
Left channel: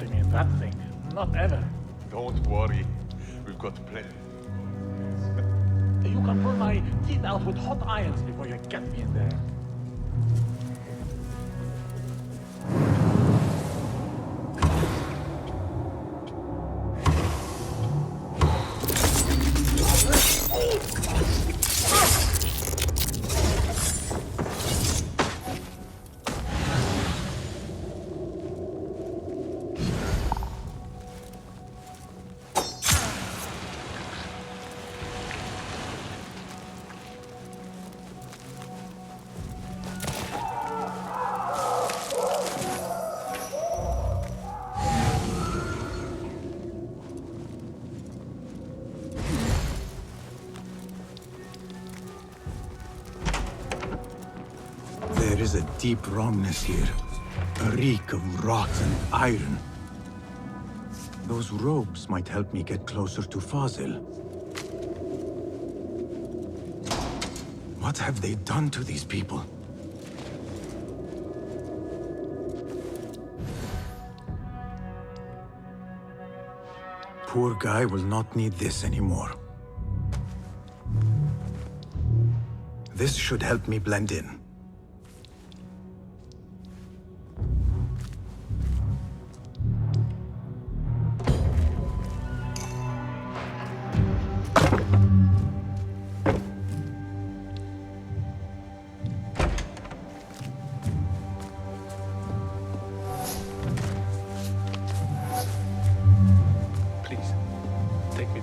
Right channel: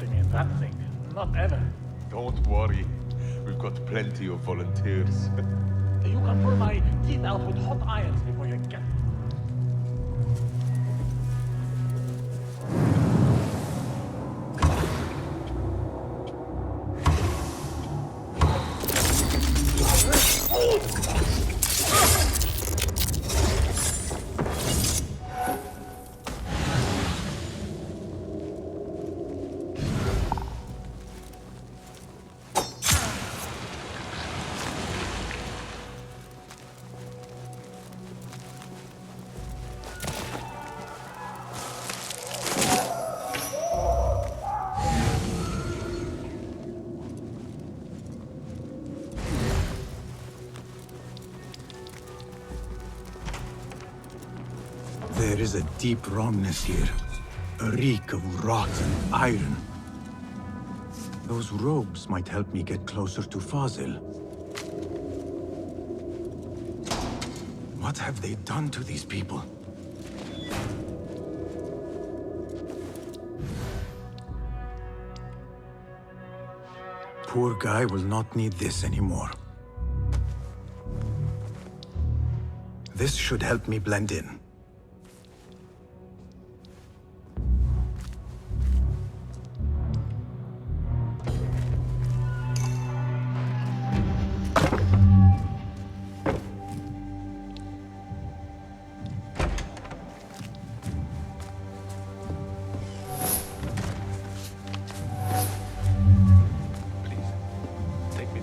putting me in that thing. Not ever. Don't worry. We've got plenty of volunteers. You can pull my teeth out with hot irons before you get me in there. There is a deep wrongness here. A reek of rot and iron. Those robes might help me get closer to Fazil. What have they done to these people? Poor guy will not need this anymore. This should help me blend in.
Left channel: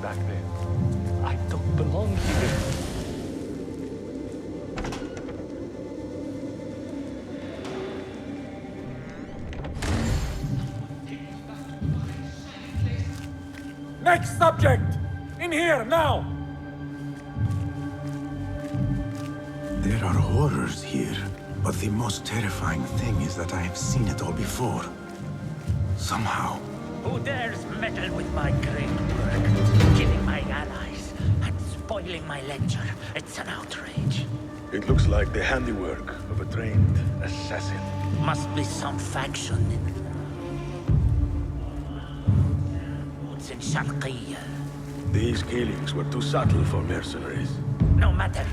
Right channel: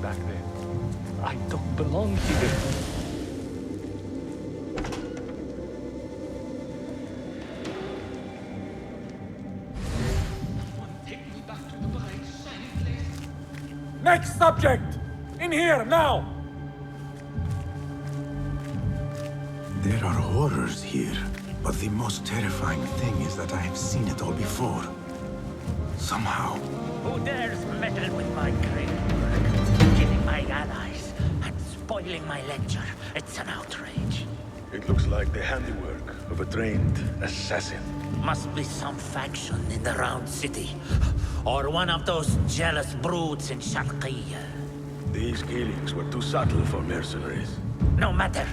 Back there. I don't belong here. Next subject! In here, now! There are horrors here, but the most terrifying thing is that I have seen it all before. Somehow. Who dares meddle with my great work? Killing my allies and spoiling my lecture. It's an outrage. It looks like the handiwork of a trained assassin. Must be some faction in the Round City. Or one of those jealous broods in Sharqiyya. These killings were too subtle for mercenaries. No matter.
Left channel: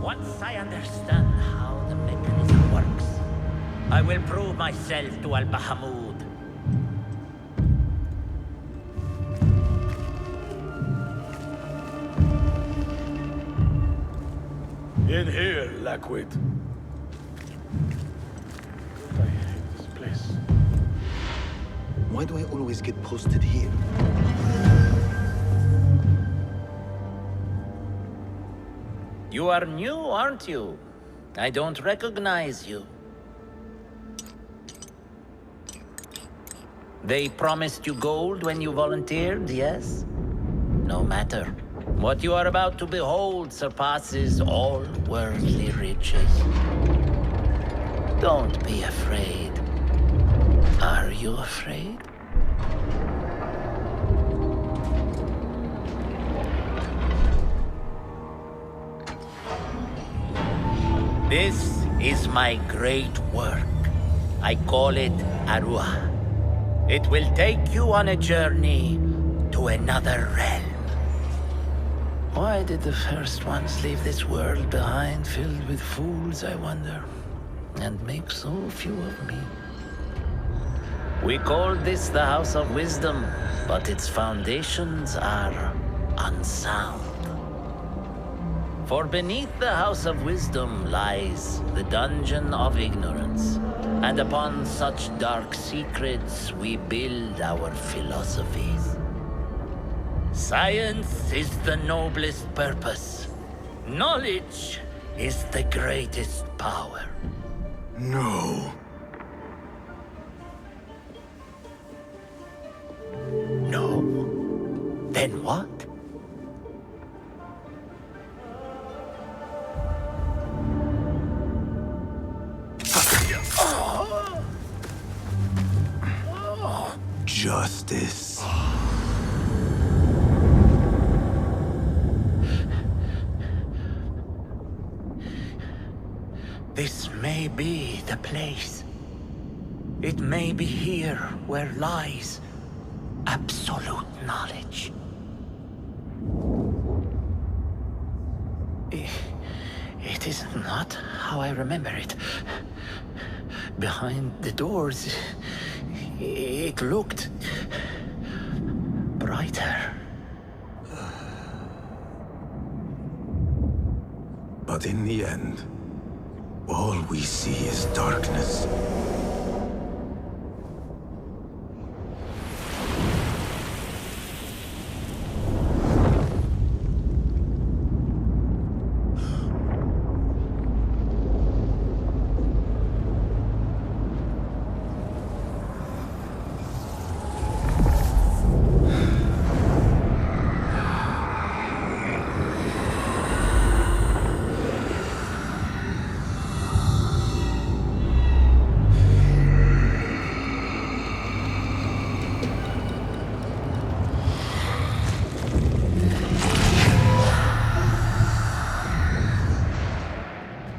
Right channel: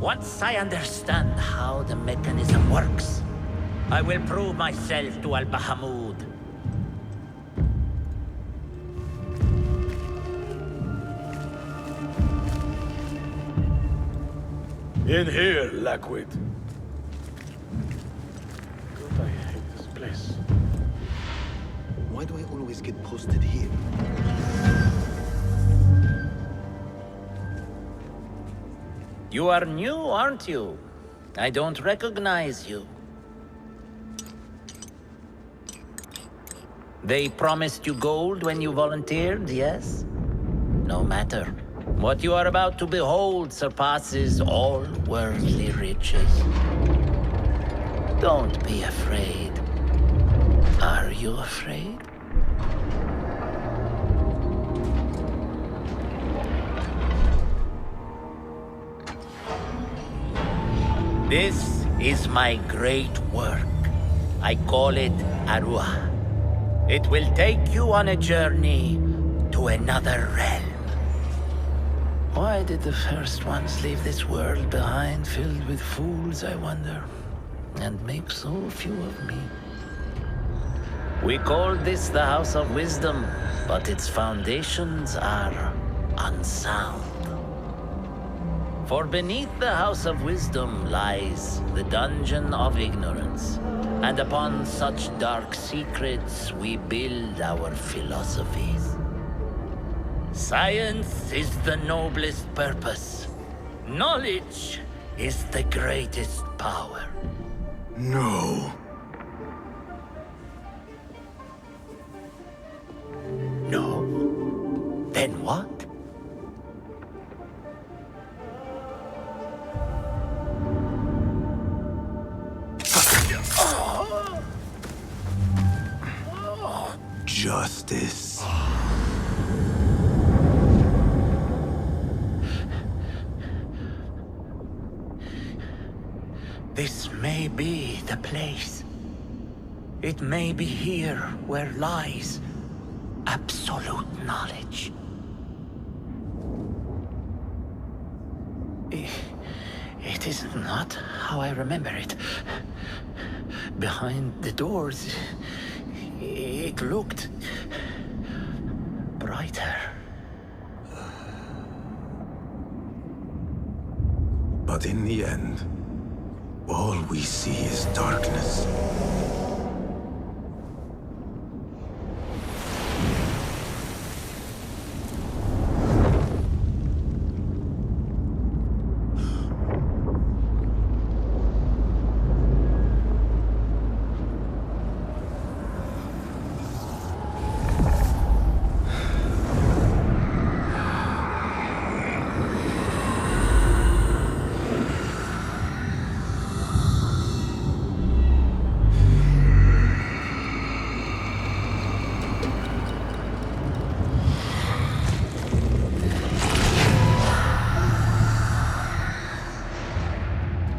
Once I understand how the mechanism works, I will prove myself to Al-Bahamud. In here, Lackwit. I hate this place. Why do I always get posted here? You are new, aren't you? I don't recognize you. They promised you gold when you volunteered, yes? No matter. What you are about to behold surpasses all worldly riches. Don't be afraid. Are you afraid? This is my great work. I call it Arua. It will take you on a journey to another realm. Why did the first ones leave this world behind, filled with fools, I wonder, and make so few of me? We called this the House of Wisdom, but its foundations are unsound. For beneath the House of Wisdom lies the Dungeon of Ignorance, and upon such dark secrets we build our philosophies. Science is the noblest purpose. Knowledge is the greatest power. No. No? Then what? Justice. This may be the place. It may be here where lies absolute knowledge. It is not how I remember it. Behind the doors, it looked brighter. But in the end, all we see is darkness.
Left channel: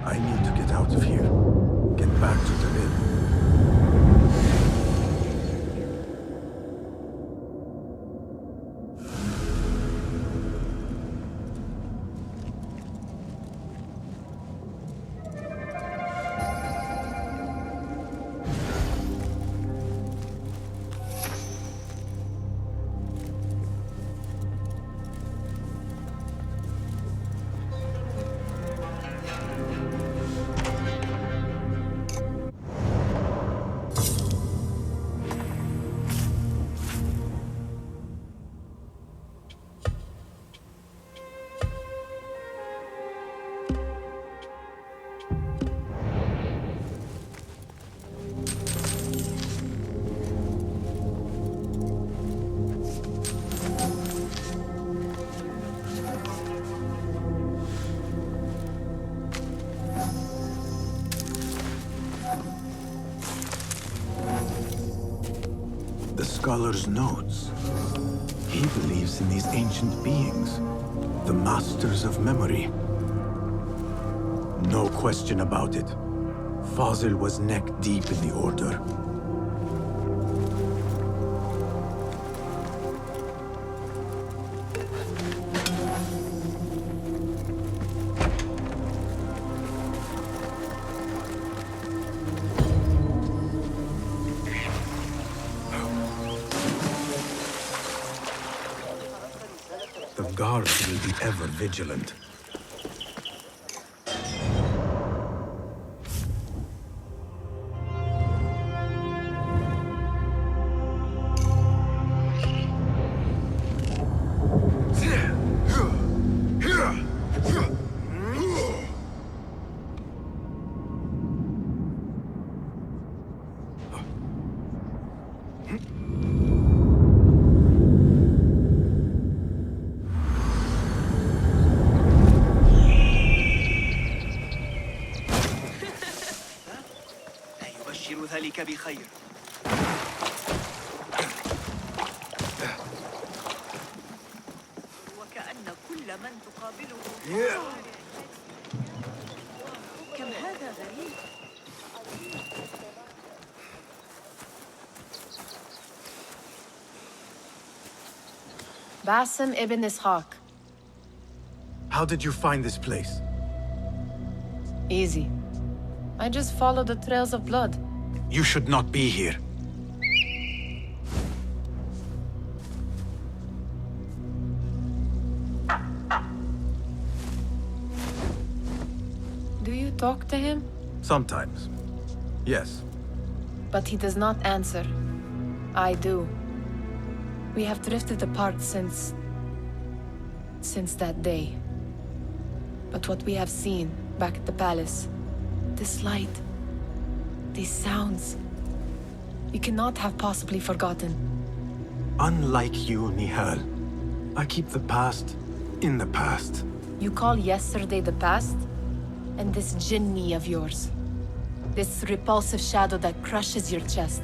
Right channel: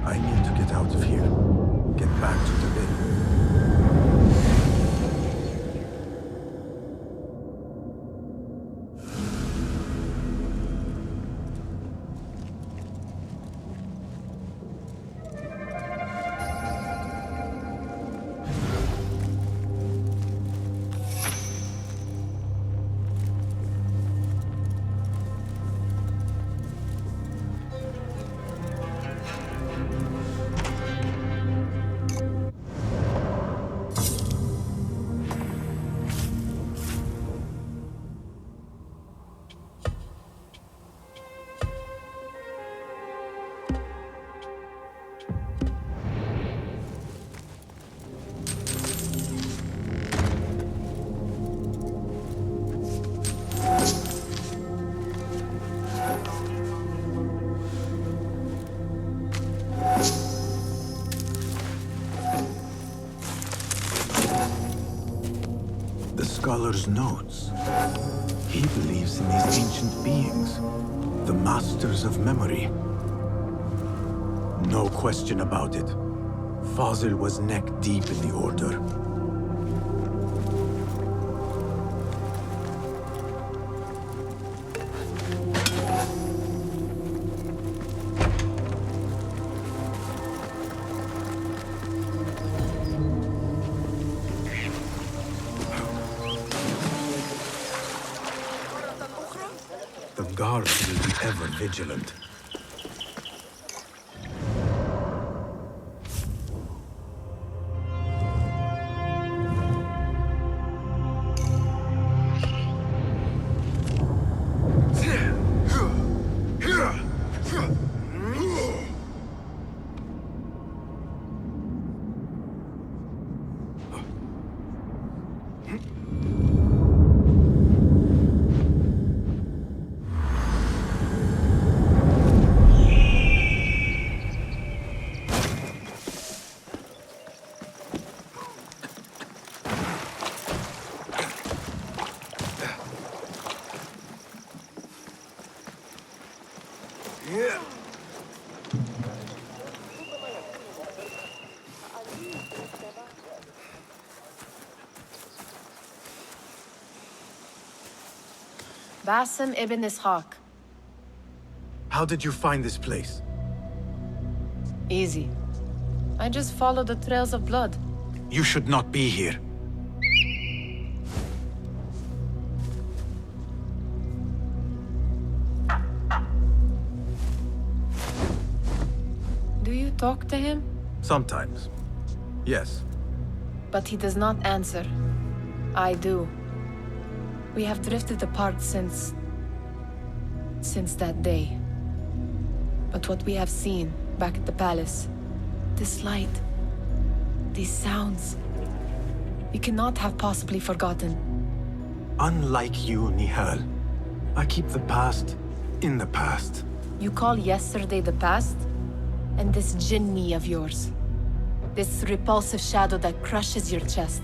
I need to get out of here. Get back to the inn. The scholar's notes. He believes in these ancient beings, the masters of memory. No question about it. Fazil was neck deep in the Order. The guards will be ever vigilant. Basim ibn Ishaq. How did you find this place? Easy. I just follow the trails of blood. You should not be here. Do you talk to him? Sometimes. Yes. But he does not answer. I do. We have drifted apart since that day. But what we have seen back at the palace, this light, these sounds, you cannot have possibly forgotten. Unlike you, Nihal, I keep the past in the past. You call yesterday the past? And this jinni of yours, this repulsive shadow that crushes your chest,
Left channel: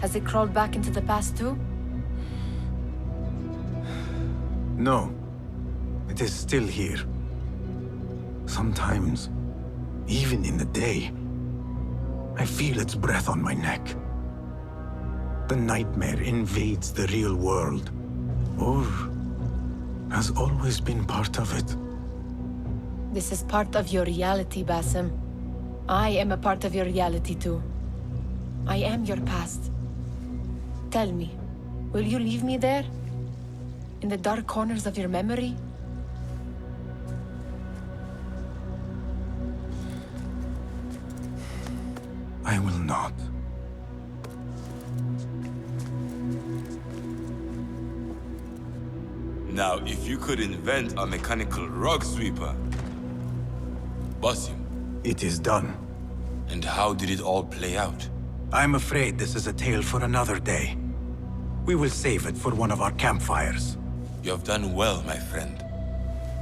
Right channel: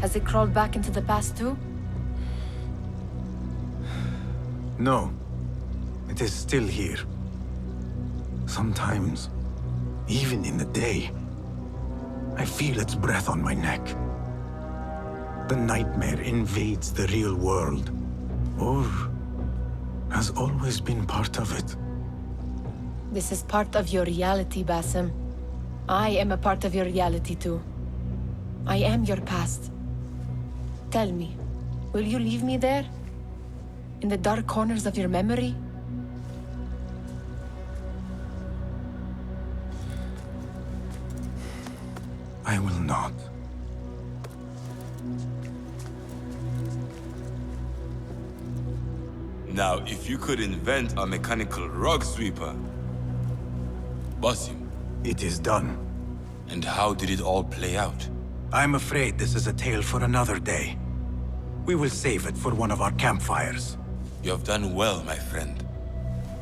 has it crawled back into the past too? No. It is still here. Sometimes, even in the day. I feel its breath on my neck. The nightmare invades the real world, or has always been part of it. This is part of your reality, Basim. I am a part of your reality too. I am your past. Tell me, will you leave me there? In the dark corners of your memory? I will not. Now, if you could invent a mechanical rug sweeper... Basim. It is done. And how did it all play out? I'm afraid this is a tale for another day. We will save it for one of our campfires. You have done well, my friend.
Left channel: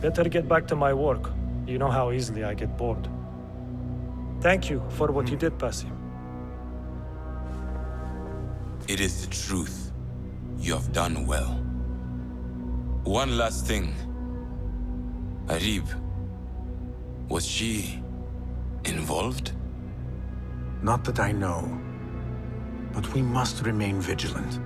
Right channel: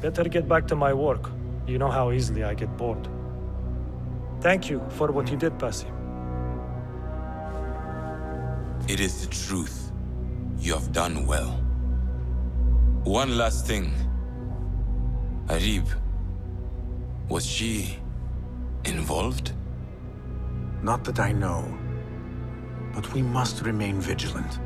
Better get back to my work. You know how easily I get bored. Thank you for what you did, Basim. It is the truth. You have done well. One last thing. Arib, was she involved? Not that I know. But we must remain vigilant.